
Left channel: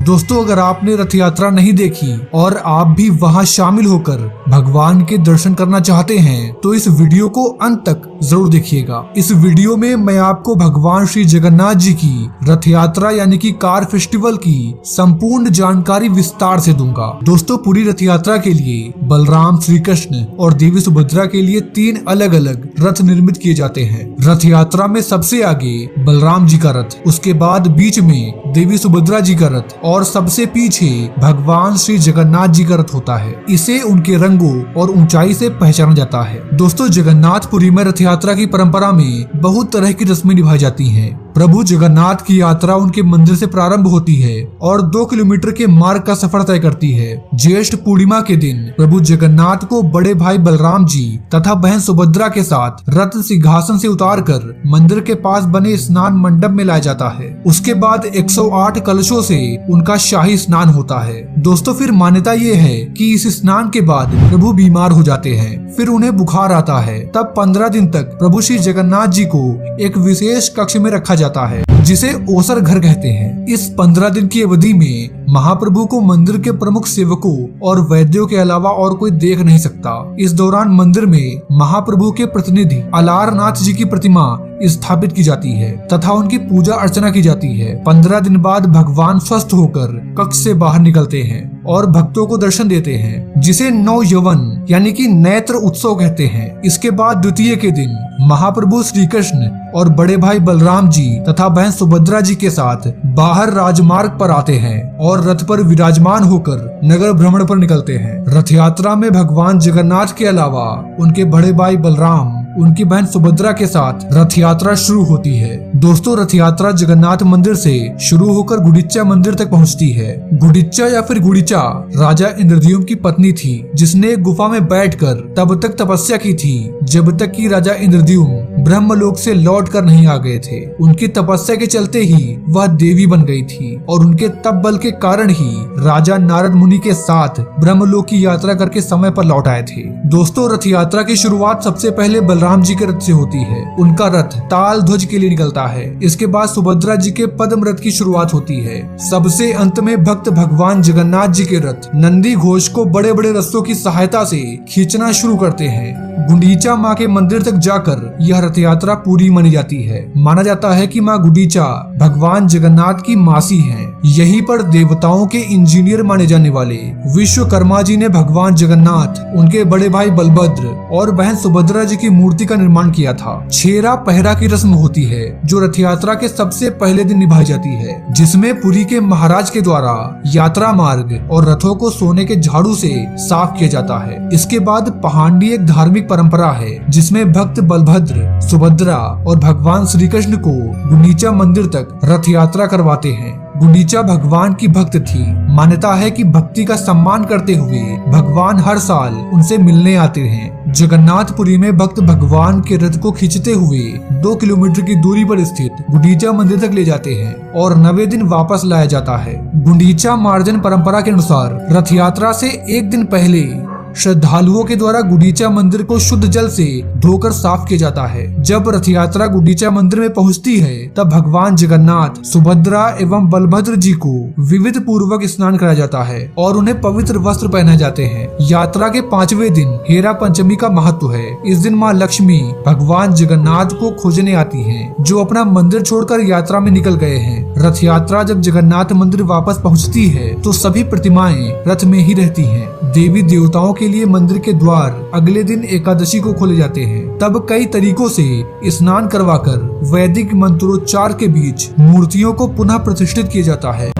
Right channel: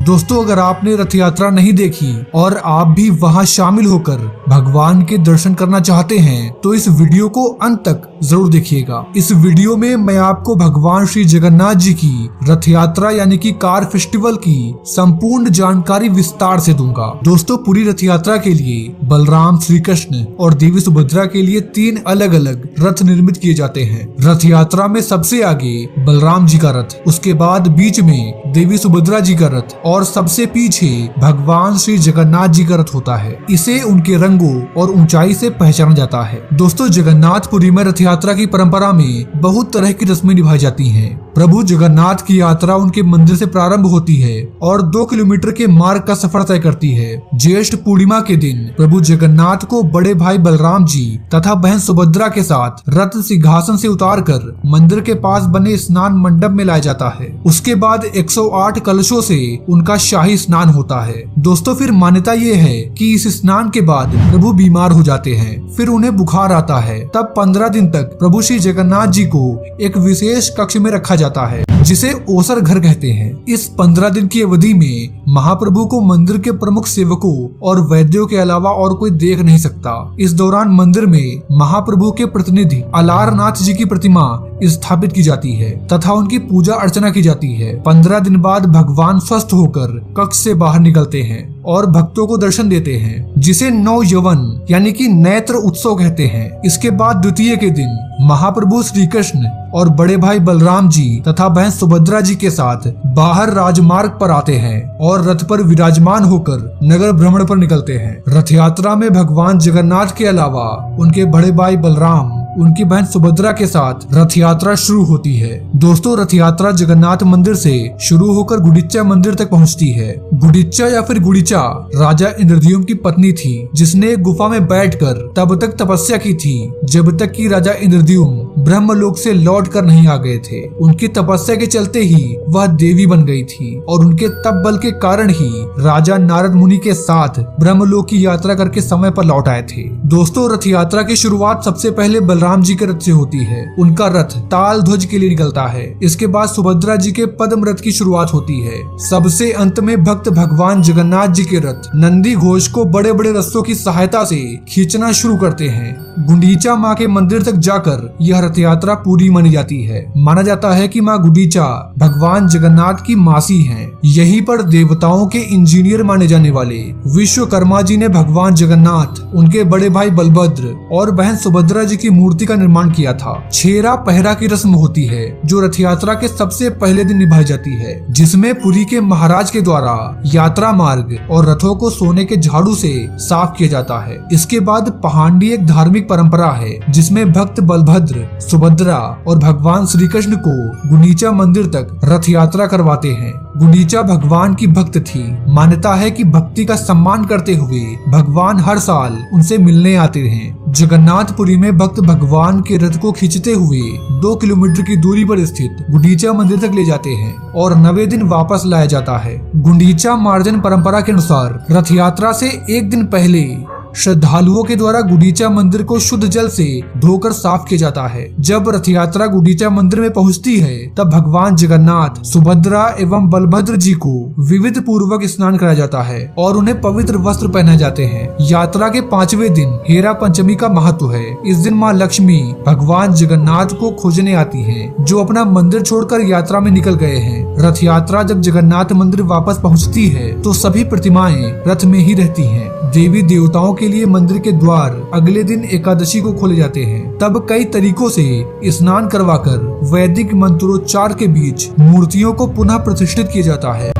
दोस्तों, अगर आपने रथ यात्रा नहीं देखी और आप भी वहां शामिल होकर भगवान के दर्शन करना चाहते हैं तो इस वीडियो को अंत तक जरूर देखिएगा। इस वीडियो में मैं आपको भगवान श्री जगन्नाथ जी की रथ यात्रा यानी कि कार फेस्टिवल की संपूर्ण जानकारी विस्तार से दूंगा। दोस्तों, पूरी रथ यात्रा के लिए बलराम, श्री कृष्ण और देवी सुभद्रा के लिए 3 अलग अलग रथ निर्मित किए जाते हैं। रथ यात्रा में सबसे आगे बलराम जी का रथ, उसके बाद बीच में देवी सुभद्रा जी का रथ और सबसे पीछे भगवान श्री जगन्नाथ जी का रथ होता है। इसे उनके रंगों और ऊंचाई से पहचाना जाता है। दोस्तों, जगन्नाथपुरी में रथ यात्रा की परंपरा में बहुत तरह की रस्में निभाई जाती हैं। प्रभु जगन्नाथ की यात्रा उनके मंदिर से प्रारंभ होती है और 2 किलोमीटर के मार्ग का सफर तय करती है। ज्येष्ठ पूर्णिमा के दिन प्रभु जगन्नाथ को बड़े भाई बलराम जी तथा बहन सुभद्रा के साथ रथ सिंहासन से उतारकर मंदिर के पास बने स्नान मंडप में लाया जाता है। उसके बाद 108 कलशों से उनका शाही स्नान होता है। दोस्तों, फिर मान्यता ये है कि इस स्नान के बाद प्रभु बीमार हो जाते हैं, फिर उन्हें बुखार आता है। तब 15 दिन तक प्रभु श्री जगन्नाथ जी को एक विशेष कक्ष में रखा जाता है जिसे ओसर घर कहते हैं। इस 15 दिन की अवधि में महाप्रभु को मंदिर के प्रमुख सेवकों और वैद्यों के अलावा और कोई देख नहीं सकता। इस दौरान मंदिर में महाप्रभु के प्रतिनिधि अलारनाथ जी की प्रतिमा स्थापित की जाती है तथा उनकी पूजा अर्चना की जाती है। 15 दिन बाद भगवान स्वस्थ होकर कक्ष से बाहर निकलते हैं और भक्तों को दर्शन देते हैं, जिसे नव यवन यानी कि नेत्र उत्सव कहते हैं। इसके बाद द्वितीय के दिन महाप्रभु श्री कृष्ण और बड़े भाई बलराम जी तथा बहन सुभद्रा जी के साथ बाहर राजमार्ग पर आते हैं और रथ पर विराजमान होकर नगर भ्रमण पर निकलते हैं। रथ यात्रा में भगवान जगन्नाथ के अलावा उनके बड़े भाई बलराम, उनकी बहन सुभद्रा के साथ रथ यात्रा शुरू होती है। दोस्तों, रथ यात्रा जगन्नाथ मंदिर से शुरू होकर गुंडीचा मंदिर तक पहुंचती है। गुंडीचा या फिर गुंडीचा राजा इंद्रद्युम्न की पत्नी थी, जिसने गुफा में बैठकर तब तक तपस्या की थी जब तक कि राजा इंद्रद्युम्न ब्रह्मलोक से लौट कर नहीं आ गए थे। उनकी तपस्या के चलते ही वह देवी बन गई थी और उनके तप बल के कारण ही राजा नारद मुनि के साथ ब्रह्मलोक की यात्रा करके समय पर लौट आए थे। दोस्तों, रथ यात्रा की शुरुआत सबसे पहले बलराम जी के रथ से होती है। उनका रथ ताल ध्वज के लिए निकलता है। इसके बाद सुभद्रा जी के पद्म रथ की शुरुआत होती है। सबसे अंत में भक्त भगवान जगन्नाथ जी के रथ नंदी घोष को बड़े बड़े रस्सों की सहायता से खींचना शुरू करते हैं। गुंडीचा माँ के मंदिर तक जाकर यह रथ यात्रा पूरी मानी जाती है। माना जाता है कि माँ गुंडीचा भगवान जगन्नाथ की मासी हैं। यहीं पर देवताओं के इंजीनियर माने जाने वाले विश्वकर्मा जी ने भगवान जगन्नाथ, उनके बड़े भाई बलभद्र और बहन सुभद्रा जी की मूर्ति का निर्माण किया था। छेरा पहरा की रस्म होती है जो रथ यात्रा के सबसे पहले दिन निभाई जाती है, जिसमें पुरी के महाराज के द्वारा यात्रा मार्ग और रथों को सोने के झाड़ू से साफ किया जाता है। इसके बाद पहांडी एक धार्मिक परंपरा है जिसमें भक्त बलभद्र, सुभद्रा और भगवान श्री कृष्ण को गुंडीचा मंदिर तक रथ यात्रा करवाते हैं। गुंडीचा भगवान की भक्त थी। मान्यता है कि भक्ति का सम्मान करते हुए भगवान हर साल उनसे मिलने आते हैं। जगन्नाथपुरी में भक्त भगवान के रथ को खींचते हुए 2 किलोमीटर की दूरी पर स्थित गुंडीचा मंदिर तक ले जाते हैं और 90 दिन वापस लाया जाता है। गुंडीचा मार्जन परंपरा के अनुसार रथ यात्रा से एक दिन पहले श्रद्धालुओं के द्वारा गुंडीचा मंदिर को शुद्ध जल से धोकर साफ किया जाता है। जब रथ यात्रा गुंडीचा मंदिर में पहुंचती है तब भगवान जगन्नाथ, सुभद्रा एवं बलभद्र जी को विविध पूर्वक स्नान कराया जाता है और उन्हें पवित्र वस्त्र पहनाए जाते हैं। यात्रा के 5वें दिन हेरा पंचमी का महत्व है। इस दिन माँ लक्ष्मी भगवान जगन्नाथ को खोजने आती है, जो अपना मंदिर छोड़कर यात्रा में निकल गए हैं। रथ यात्रा जब जगन्नाथ मंदिर वापस पहुँचती है तो सभी प्रतिमाएं रथ में ही रहती है। देवी देवताओं के लिए मंदिर के द्वार अगले दिन एकादशी को खोले जाते हैं। तब कई तरीकों से स्नान करवाकर वैदिक मंत्रोच्चार के बीच मूर्तियों को पुनः प्रतिष्ठित किया जाता है।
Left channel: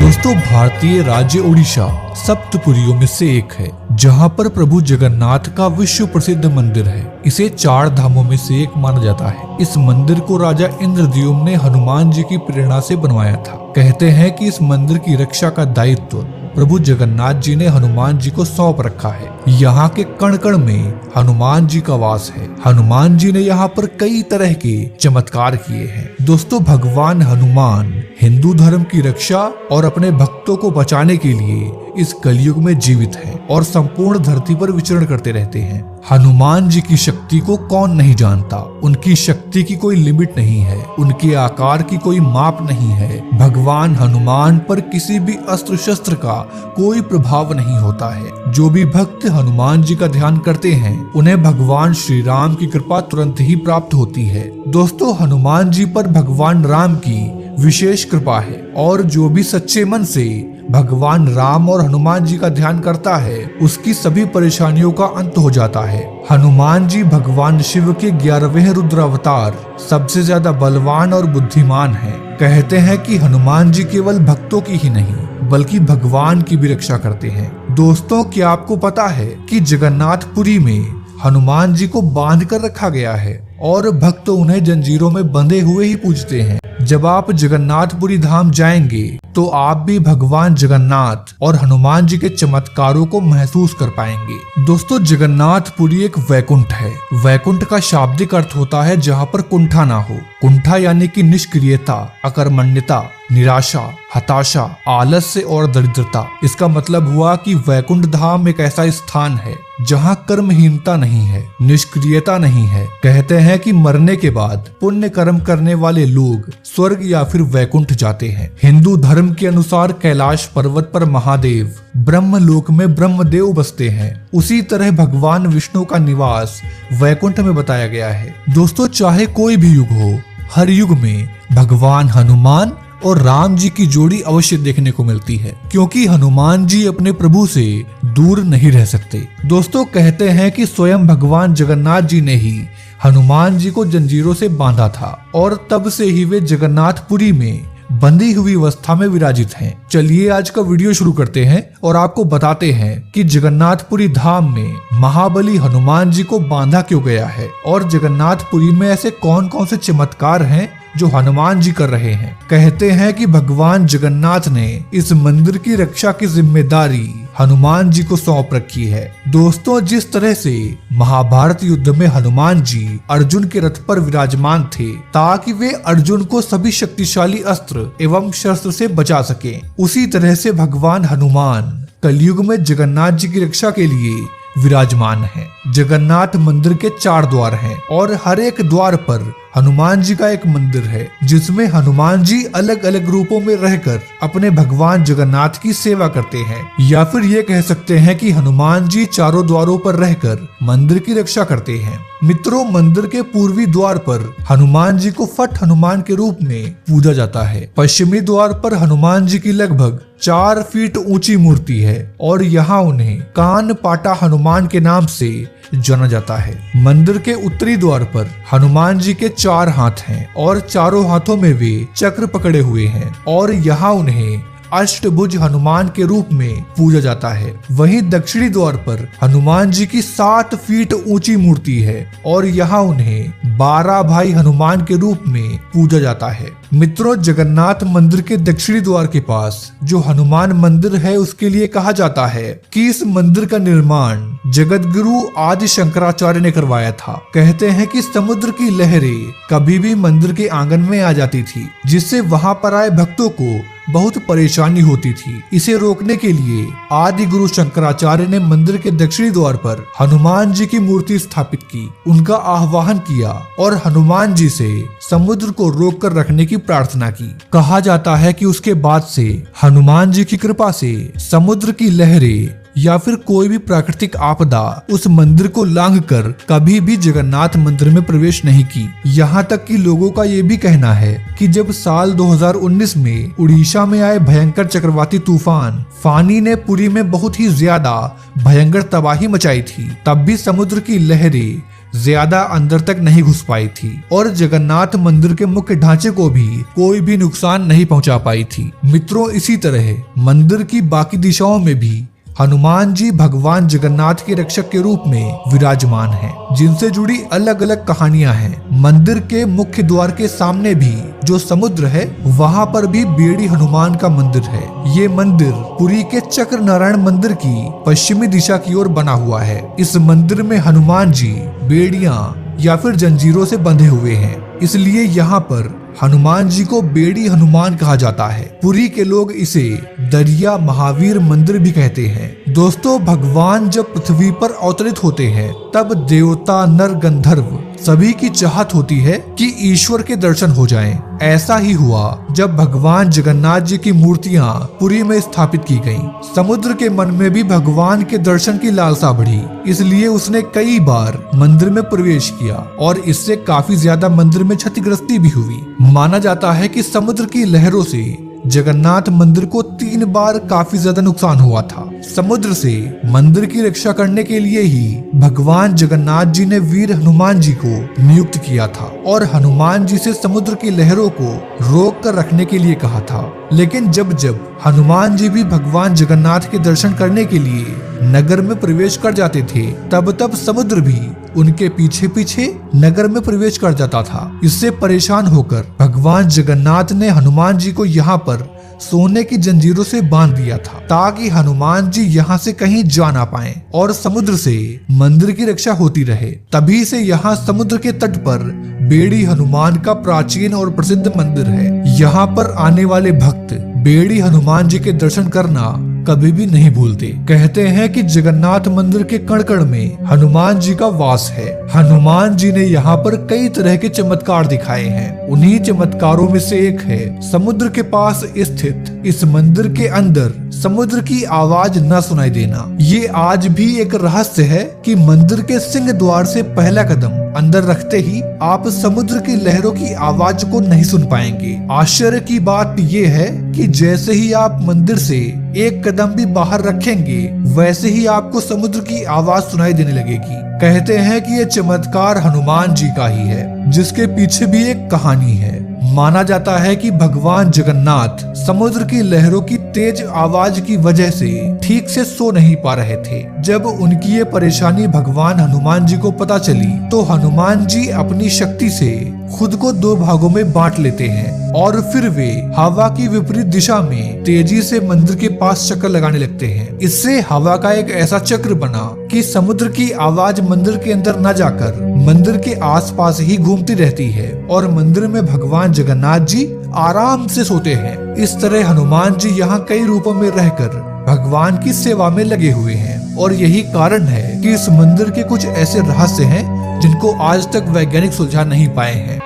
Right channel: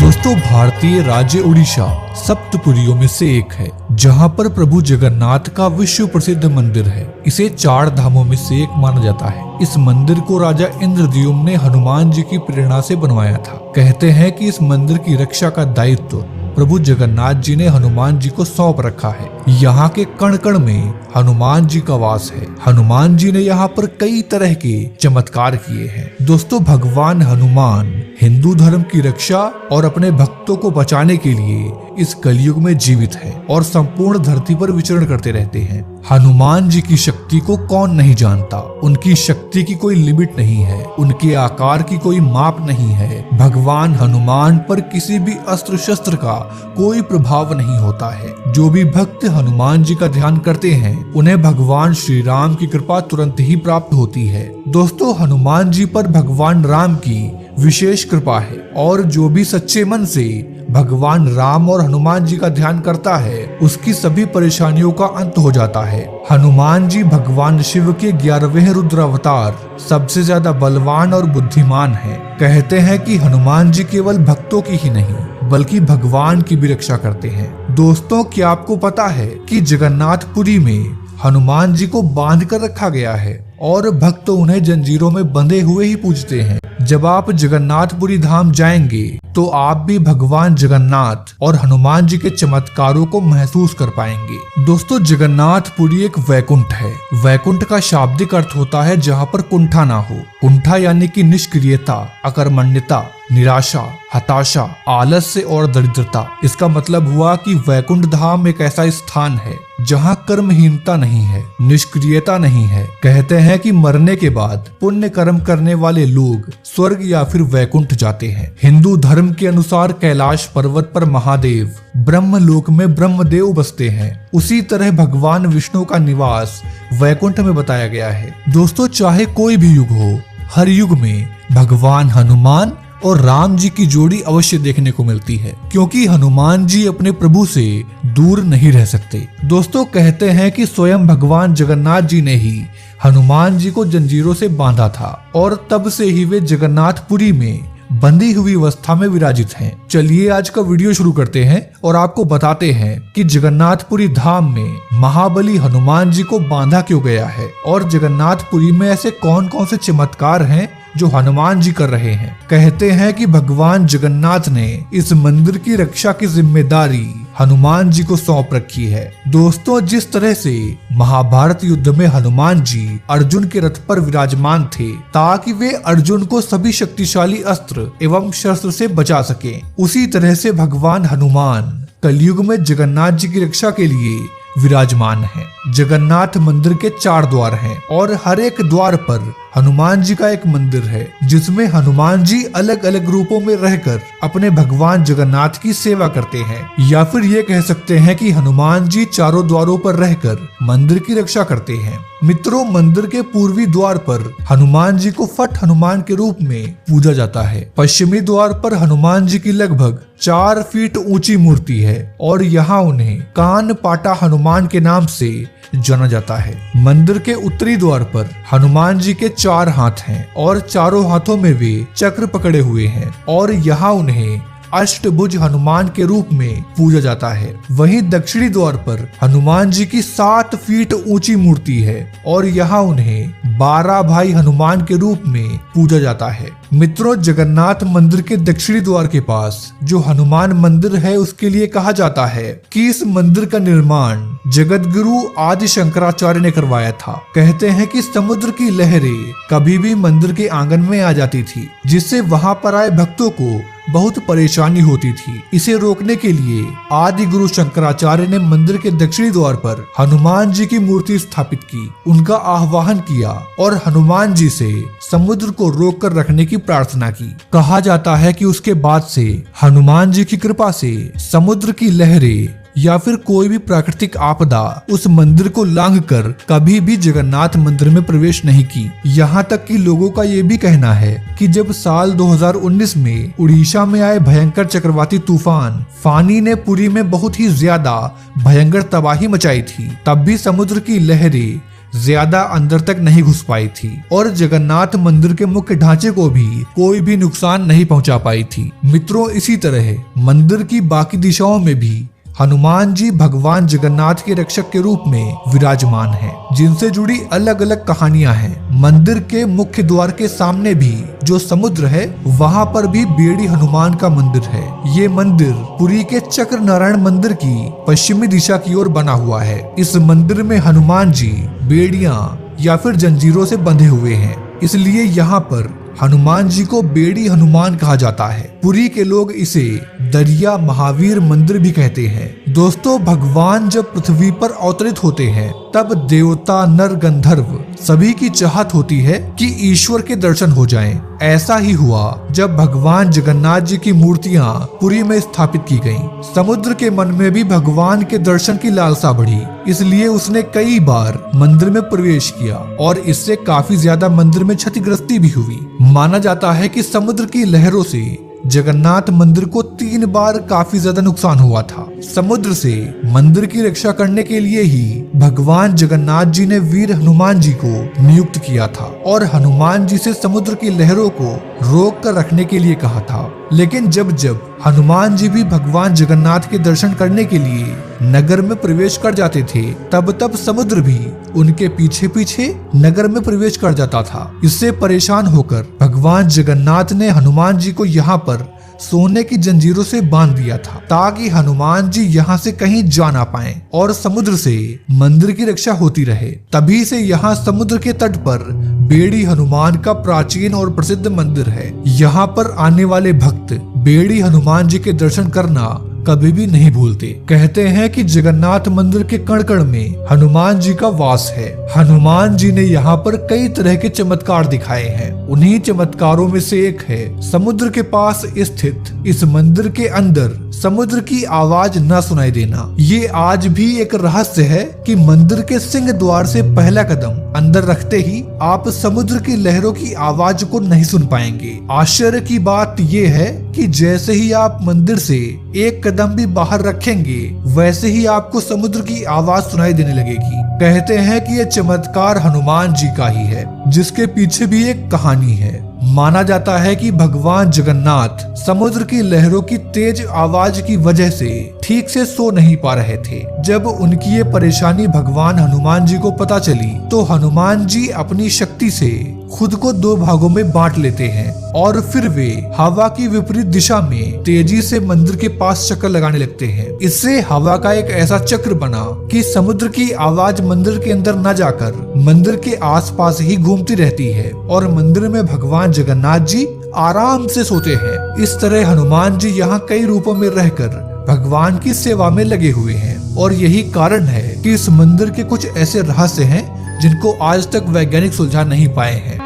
दोस्तों, भारतीय राज्य उड़ीसा सप्तपुरियों में से एक है, जहां पर प्रभु जगन्नाथ का विश्व प्रसिद्ध मंदिर है। इसे 4 धामों में से एक माना जाता है। इस मंदिर को राजा इंद्रद्युम्न ने हनुमान जी की प्रेरणा से बनवाया था। कहते हैं कि इस मंदिर की रक्षा का दायित्व प्रभु जगन्नाथ जी ने हनुमान जी को सौंप रखा है। यहाँ के कण कण में हनुमान जी का वास है। हनुमान जी ने यहाँ पर कई तरह के चमत्कार किए हैं। दोस्तों, भगवान हनुमान हिंदू धर्म की रक्षा और अपने भक्तों को बचाने के लिए इस कलयुग में जीवित है और संपूर्ण धरती पर विचरण करते रहते हैं। हनुमान जी की शक्ति को कौन नहीं जानता। उनकी शक्ति की कोई लिमिट नहीं है, उनके आकार की कोई माप नहीं है। भगवान हनुमान पर किसी भी अस्त्र शस्त्र का कोई प्रभाव नहीं होता है। जो भी भक्त हनुमान जी का ध्यान करते हैं उन्हें भगवान श्री राम की कृपा तुरंत ही प्राप्त होती है। दोस्तों, हनुमान जी पर भगवान राम की विशेष कृपा है और जो भी सच्चे मन से भगवान राम और हनुमान जी का ध्यान करता है उसकी सभी परेशानियों का अंत हो जाता है। हनुमान जी भगवान शिव के 11वें रुद्र अवतार, सबसे ज्यादा बलवान और बुद्धिमान हैं। कहते हैं कि हनुमान जी केवल भक्तों की ही नहीं बल्कि भगवान की भी रक्षा करते हैं। दोस्तों, क्या आपको पता है कि जगन्नाथपुरी में हनुमान जी को बांध कर रखा गया है और भक्त उन्हें जंजीरों में बंधे हुए ही पूजते हैं। जब आप जगन्नाथपुरी धाम जाएंगे तो आप भी भगवान जगन्नाथ और हनुमान जी के चमत्कारों को महसूस कर पाएंगे। दोस्तों, जगन्नाथपुरी एक वैकुंठ है। वैकुंठ का शाब्दिक अर्थ होता है जहाँ पर कुंठा ना हो। कुंठा यानी कि निष्क्रियता, अकर्मण्यता, निराशा, हताशा, आलस्य और दरिद्रता। इसका मतलब हुआ कि वैकुंठ धाम एक ऐसा स्थान है जहाँ कर्महीनता नहीं है, निष्क्रियता नहीं है। कहते हैं कि मरने के बाद पुण्य कर्म करने वाले लोग स्वर्ग या फिर वैकुंठ जाते हैं। हिंदू धर्म के अनुसार कैलाश पर्वत पर महादेव, ब्रह्मलोक में ब्रह्मदेव बसते हैं। उसी तरह भगवान विष्णु का निवास वैकुंठ में बताया गया है। दोस्तों, चाहे कोई भी युग हो, हर युग में भगवान हनुमान और राम जी की जोड़ी अवश्य देखने को मिलती है, क्योंकि हनुमान जी अपने प्रभु से दूर नहीं रह सकते। दोस्तों, कहते हैं कि स्वयं भगवान जगन्नाथ जी ने ही हनुमान जी को जंजीरों से बांधा था और तब से ही वे जगन्नाथपुरी में बंधी हुई अवस्था में विराजित हैं। चलिए आज का वीडियो शुरू करते हैं और आपको बताते हैं कि जगन्नाथपुरी धाम में महाबली हनुमान जी को बांधा क्यों गया है और जगन्नाथपुरी में ऐसे कौन कौन से चमत्कार हैं जो हनुमान जी कर रहे हैं। कहते हैं कि भगवान जगन्नाथ ने इस मंदिर की रक्षा की जिम्मेदारी हनुमान जी को सौंप रखी है। दोस्तों, जिस तरह से महाभारत युद्ध में हनुमान जी अर्जुन के रथ पर विराजमान थे ताकि वे अर्जुन को सभी शक्तिशाली अस्त्र एवं शस्त्र से बचा सके, उसी तरह से भगवान हनुमान कलयुग में जगन्नाथ जी की रक्षा के लिए विराजमान है। जगन्नाथ मंदिर के 4 द्वार हैं और हर एक द्वार पर हनुमान जी का एक मंदिर है, जिसमें हनुमान जी अलग अलग रूपों में रहकर अपने भगवान जगन्नाथ की सेवा करते हैं। या फिर ये कह सकते हैं कि हनुमान जी चारों द्वारों पर रहकर मंदिर की रक्षा करते हैं। मित्रों, मंदिर के पूर्वी द्वार पर हनुमान जी को फट हनुमान के रूप में पूजा जाता है। पश्चिमी द्वार पर हनुमान जी की लगभग 4 फीट ऊंची मूर्ति है और यहाँ उन्हें कान पाटा हनुमान के नाम से जाना जाता है। मंदिर के उत्तरी द्वार पर हनुमान जी के 4 हाथ हैं और चारों हाथों में वे चक्र पकड़े हुए हैं और यहाँ उन्हें अष्टभुज हनुमान के रूप में पूजा जाता है। वहीं दक्षिणी द्वार पर हनुमान जी की 7 फीट ऊंची मूर्ति है और यहाँ उन्हें 12 भाई हनुमान के रूप में पूजा जाता है। मित्रों, जगन्नाथ मंदिर के दक्षिणी द्वार के पास जो हनुमान मंदिर है उसके लिए कहा जाता है कि इस मंदिर का निर्माण जगत गुरु आदि शंकराचार्य ने करवाया था। कहते हैं कि समुद्र की लहरें कभी भी मंदिर के आंगन में आ जाती थी, जिससे वहां पर आए भक्तों को बहुत परेशानी होती थी। इसे रोकने के लिए आदि गुरु शंकराचार्य ने मंदिर के दक्षिणी द्वार पर हनुमान जी की मूर्ति स्थापित की, उनका आह्वान किया और हनुमान जी से समुद्र को रोक कर रखने की प्रार्थना की। कहा जाता है कि उसके बाद से हनुमान जी की कृपा से समुद्र की लहरें या फिर कोई भी प्राकृतिक आपदा उस मंदिर को लांघकर कभी भी जगन्नाथ मंदिर में प्रवेश नहीं की। यहाँ तक कि लोगों का ये भी कहना है कि जब साल 2019 में उड़ीसा में आए भयंकर चक्रवाती तूफान फानी ने पुरी में बहुत ही ज्यादा भयंकर तबाही मचाई थी, तब भी समुद्र की लहरें ज्यादा अंदर तक नहीं घुस पाई थी और जगन्नाथ मंदिर के मुख्य ढांचे को भी कोई भी नुकसान नहीं पहुंचा पाई थी। मित्रों, इसी तरह मंदिर की बाकी दिशाओं में भी हनुमान जी भगवान जगन्नाथ के रक्षक के रूप में विराजमान हैं, जिनसे जुड़ी अलग अलग कहानियां हैं। मंदिर के मुख्य द्वार के सामने भी जो समुद्र है वहां पर भी बेड़ी हनुमान का मंदिर है। ये मंदिर पुरी के चक्र नारायण मंदिर की पश्चिमी दिशा की ओर बना हुआ है। इस मंदिर में हनुमान जी बेड़ियां या फिर जंजीरों से बंधे हुए हैं, इसलिए यहाँ पर हनुमान जी को बेड़ी हनुमान कहा जाता है। पुरी के लोग इसे दरिया महावीर मंदिर भी कहते हैं। दोस्तों, भगवान जब पृथ्वी पर अवतरित होते हैं तब देवता नर गंधर्व सभी की चाहत होती है कि ईश्वर के दर्शन हो जाएं। ऐसा ही हुआ जब भगवान जगन्नाथ जी की मूर्तियां पुरी में स्थापित की गईं। समुद्र के मन में भी भगवान के दर्शन की लालसा बढ़ी, इसलिए उसने कई बार मंदिर में प्रवेश किया और इससे काफी ज्यादा मंदिर में क्षतिग्रस्ती भी हुई। माना जाता है कि समुद्र की लहरों से जगन्नाथ मंदिर को 3 बार काफी ज्यादा नुकसान हुआ था। समुद्र से मंदिर की रक्षा करने के लिए ही भगवान जगन्नाथ जी ने वीर हनुमान जी को नियुक्त किया था और हनुमान जी से समुद्र की लहरों को रोक कर रखने के लिए कहा था। लेकिन जब जब हनुमान जी भी भगवान जगन्नाथ के दर्शन करने के लिए नगर में प्रवेश कर जाते थे, तब तब समुद्र भी उनके पीछे पीछे नगर में प्रवेश कर जाता था। इससे परेशान होकर भगवान जगन्नाथ ने हनुमान जी को यहाँ पर सोने की जंजीरों से बांध दिया था ताकि हनुमान जी यहाँ से कहीं जा ना पाए और समुद्र से मंदिर की रक्षा होती रहे। तभी से यहाँ समुद्र के तट पर बेड़ी हनुमान का प्राचीन और प्रसिद्ध मंदिर है। यहाँ पर आने वाले भक्त बेड़ी हनुमान जी के दर्शन करना कभी भी नहीं भूलते। कहते हैं कि जगन्नाथ मंदिर के कण-कण में हनुमान जी का वास है। हनुमान जी ने यहाँ पर कई तरह के चमत्कार दिखाए हैं। उन्हीं चमत्कारों में से एक है समुद्र के पास स्थित इस मंदिर के अंदर समुद्र की आवाज न सुनाई देना। ये आज भी एक रहस्य है कि मंदिर के सिंह द्वार से पहला कदम अंदर रखते ही आप समुद्र की लहरों की आवाज को नहीं सुन पाएंगे। आश्चर्य की बात ये है कि जैसे ही आप मंदिर से एक कदम भी बाहर रखेंगे वैसे ही आपको समुद्र की आवाज सुनाई देने लगेगी। कहते हैं कि ये चमत्कार हनुमान जी का ही है, जिसके पीछे भी एक कहानी है। माना जाता है कि भगवान जगन्नाथ समुद्र की लहरों की तेज आवाज की वजह से ठीक से सो नहीं पा रहे थे जब उनकी ये परेशानी भगवान हनुमान जी को पता चली तो हनुमान जी अपनी शक्ति से खुद को 2 भागों में बांट लेते हैं और फिर वे हवा की विपरीत दिशा में तेजी से मंदिर के पास चक्कर लगाने लगते हैं। इससे हवा का एक ऐसा चक्र बना कि समुद्र की आवाज मंदिर के अंदर न जाकर मंदिर के आसपास ही घूमती रहती है और मंदिर में भगवान जगन्नाथ जी आराम से सोते हैं। इस तरह हनुमान जी यहाँ कई रूपों में रहकर भगवान की सेवा में लगे हुए हैं और यही कारण है कि इस मंदिर के कुछ ऐसे रहस्य हैं जिनको आज तक वैज्ञानिक सुलझा नहीं पाए हैं।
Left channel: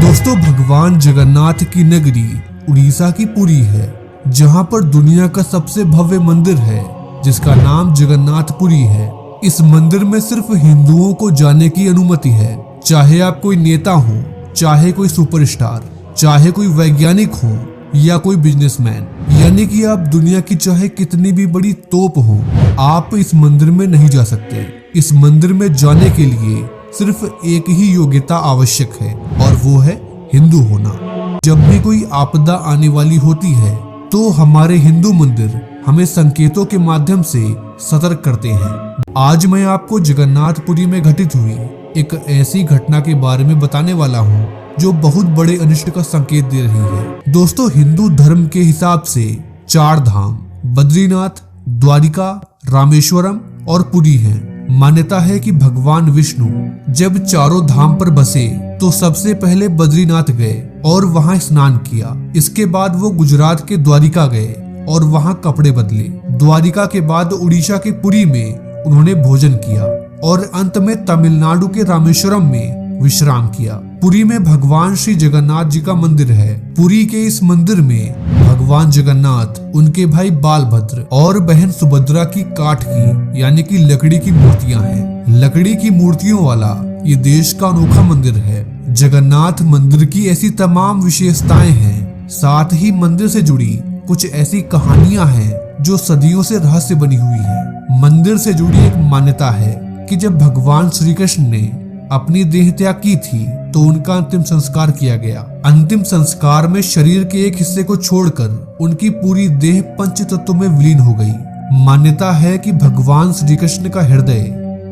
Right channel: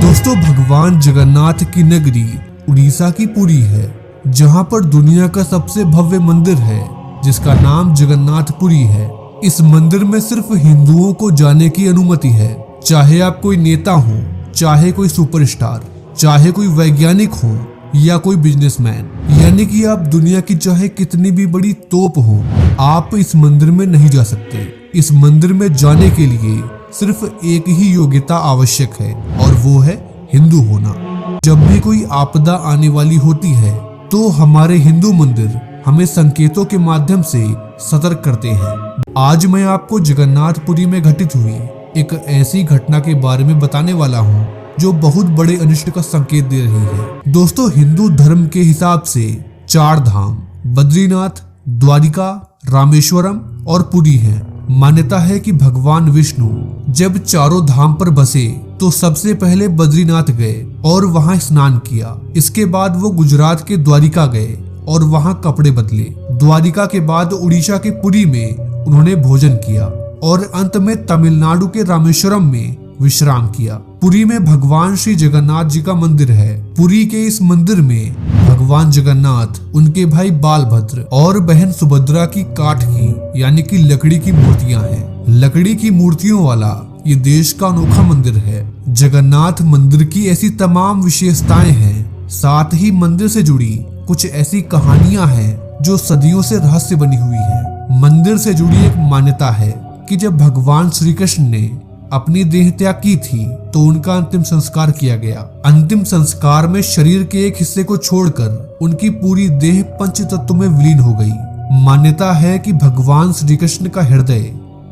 दोस्तों, भगवान जगन्नाथ की नगरी उड़ीसा की पुरी है, जहाँ पर दुनिया का सबसे भव्य मंदिर है जिसका नाम जगन्नाथपुरी है। इस मंदिर में सिर्फ हिंदुओं को जाने की अनुमति है, चाहे आप कोई नेता हो, चाहे कोई सुपरस्टार, चाहे कोई वैज्ञानिक हो या कोई बिजनेसमैन, यानी कि आप दुनिया की चाहे कितनी भी बड़ी तोप हो, आप इस मंदिर में नहीं जा सकते। इस मंदिर में जाने के लिए सिर्फ एक ही योग्यता आवश्यक है और वो है हिंदू होना। जब भी कोई आपदा आने वाली होती है तो हमारे हिंदू मंदिर हमें संकेतों के माध्यम से सतर्क करते हैं। आज मैं आपको जगन्नाथपुरी में घटित हुई एक ऐसी घटना के बारे में बताने वाला हूँ जो बहुत बड़े अनिष्ट का संकेत दे रही है। दोस्तों, हिंदू धर्म के हिसाब से 4 धाम बद्रीनाथ, द्वारिका, रामेश्वरम और पुरी है। मान्यता है कि भगवान विष्णु जब चारों धाम पर बसे तो सबसे पहले बद्रीनाथ गए और वहां स्नान किया। इसके बाद वो गुजरात के द्वारिका गए और वहां कपड़े बदले। द्वारिका के बाद उड़ीसा के पुरी में उन्होंने भोजन किया और अंत में तमिलनाडु के रामेश्वरम में विश्राम किया। पुरी में भगवान श्री जगन्नाथ जी का मंदिर है। पुरी के इस मंदिर में भगवान जगन्नाथ, उनके भाई बालभद्र और बहन सुभद्रा की काठ की यानी कि लकड़ी की मूर्तियां हैं। लकड़ी की मूर्तियों वाला ये देश का अनोखा मंदिर है। जगन्नाथ मंदिर की ऐसी तमाम विशेषताएं हैं, साथ ही मंदिर से जुड़ी कुछ ऐसी कहानियां हैं जो सदियों से रहस्य बनी हुई है। मंदिर से जुड़ी एक मान्यता है कि जब भगवान श्री कृष्ण ने अपनी देह त्याग की थी तो उनका अंतिम संस्कार किया गया। अंतिम संस्कार में शरीर के एक हिस्से को छोड़कर उनकी पूरी देह पंच तत्व में विलीन हो गई। मान्यता है कि भगवान श्री कृष्ण का हृदय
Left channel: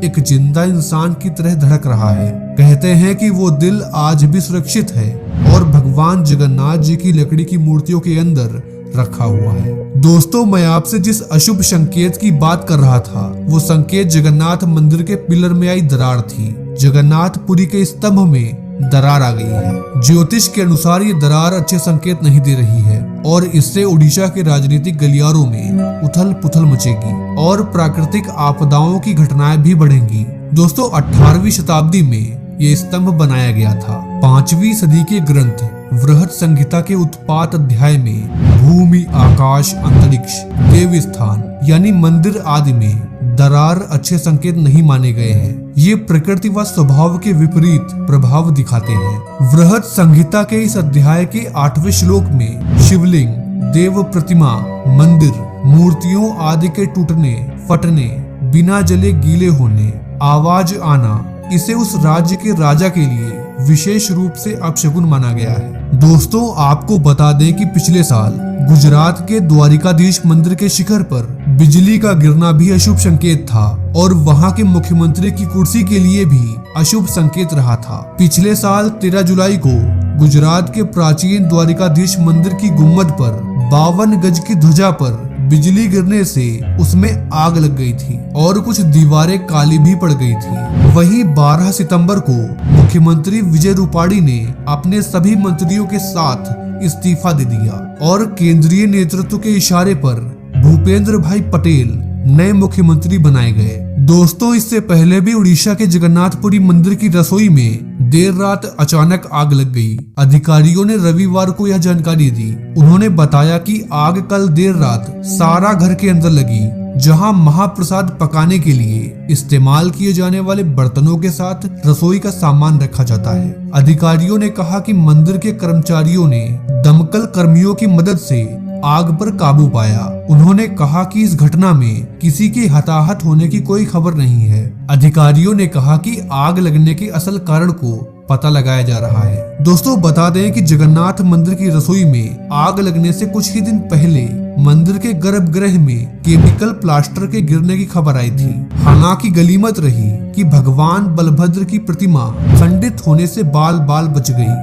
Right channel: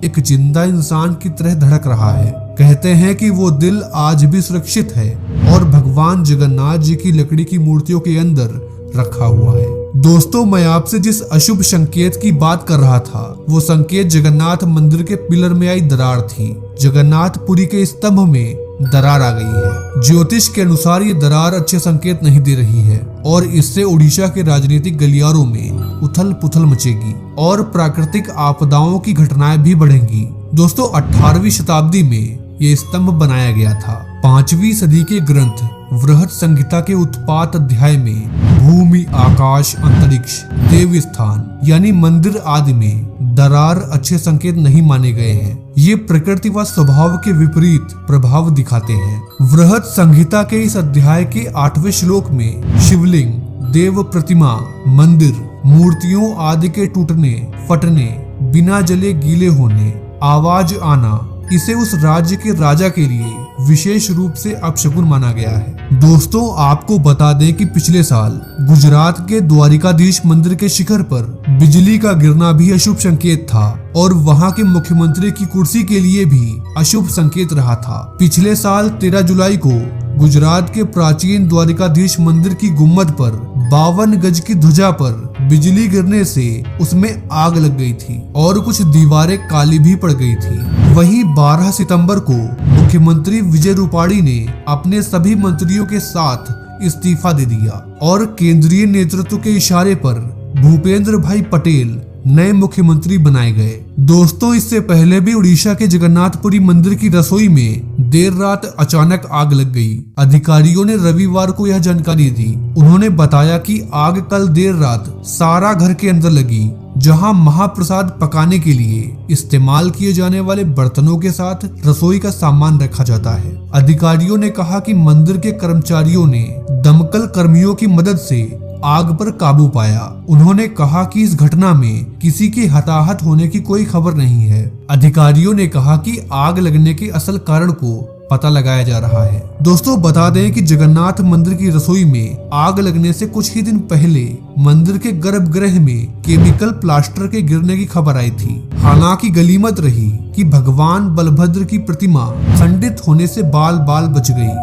एक जिंदा इंसान की तरह धड़क रहा है। कहते हैं कि वो दिल आज भी सुरक्षित है और भगवान जगन्नाथ जी की लकड़ी की मूर्तियों के अंदर रखा हुआ है। दोस्तों, मैं आपसे जिस अशुभ संकेत की बात कर रहा था वो संकेत जगन्नाथ मंदिर के पिलर में आई दरार थी। जगन्नाथपुरी के स्तंभ में दरार आ गई है। ज्योतिष के अनुसार ये दरार अच्छे संकेत नहीं दे रही है और इससे उड़ीसा के राजनीतिक गलियारों में उथल पुथल मचेगी और प्राकृतिक आपदाओं की घटनाएं भी बढ़ेंगी। दोस्तों, 18वीं शताब्दी में ये स्तंभ बनाया गया था। 5वीं सदी के ग्रंथ वृहत संहिता के उत्पात अध्याय में भूमि, आकाश, अंतरिक्ष, देव स्थान यानी मंदिर आदि में दरार अच्छे संकेत नहीं माने गए हैं। ये प्रकृति व स्वभाव के विपरीत प्रभाव दिखाते हैं। वृहत संहिता के इस अध्याय के 8वें श्लोक में शिवलिंग, देव प्रतिमा, मंदिर, मूर्तियों आदि के टूटने, फटने, बिना जले गीले होने, आवाज आना, इसे उस राज्य के राजा के लिए विशेष रूप से अपशकुन माना गया है। दोस्तों, आपको बता दें कि पिछले साल गुजरात के द्वारिकाधीश मंदिर के शिखर पर बिजली का गिरना भी अशुभ संकेत था और वहां के मुख्यमंत्री की कुर्सी के लिए भी अशुभ संकेत रहा था। पिछले साल 13 जुलाई को गुजरात के प्राचीन द्वारिकाधीश मंदिर की गुम्बद पर 52 गज की ध्वजा पर बिजली गिरने से उसमें आग लग गई थी और कुछ दीवारें काली भी पड़ गई थी। वहीं 12 सितंबर को मुख्यमंत्री विजय रूपाणी ने अपने सभी मंत्रियों के साथ इस्तीफा दे दिया और केंद्रीय नेतृत्व के इशारे पर भूपेंद्र भाई पटेल नए मुख्यमंत्री बनाए गए। दोस्तों, इससे पहले भी उड़ीसा के जगन्नाथपुरी मंदिर की रसोई में देर रात अचानक आग लग गई। अधिकारियों ने रविवार को यह जानकारी दी। उन्होंने बताया कि आग कल देर रात सारा घर के अंदर लगी, जहां महाप्रसाद पकाने के लिए इस्तेमाल किए जाने वाले बर्तनों के साथ रसोई का सामान रखा जाता है। अधिकारियों ने कहा कि मंदिर के कर्मचारियों ने दमकल कर्मियों की मदद से आग पर काबू पाया। उन्होंने कहा कि इस घटना में किसी के हताहत होने की कोई खबर नहीं है अधिकारियों ने कहा कि आग लगने के असल कारण को पता लगाया जा रहा है। दोस्तों बता दें कि जगन्नाथ मंदिर की रसोई में आग लगने से कुछ ही दिन पहले मंदिर के गर्भगृह में केमिकल प्लास्टर के गिरने की खबर आई थी। हालांकि गनीमत रही कि भगवान बलभद्र की प्रतिमा खंडित होने से बाल बाल बच गई।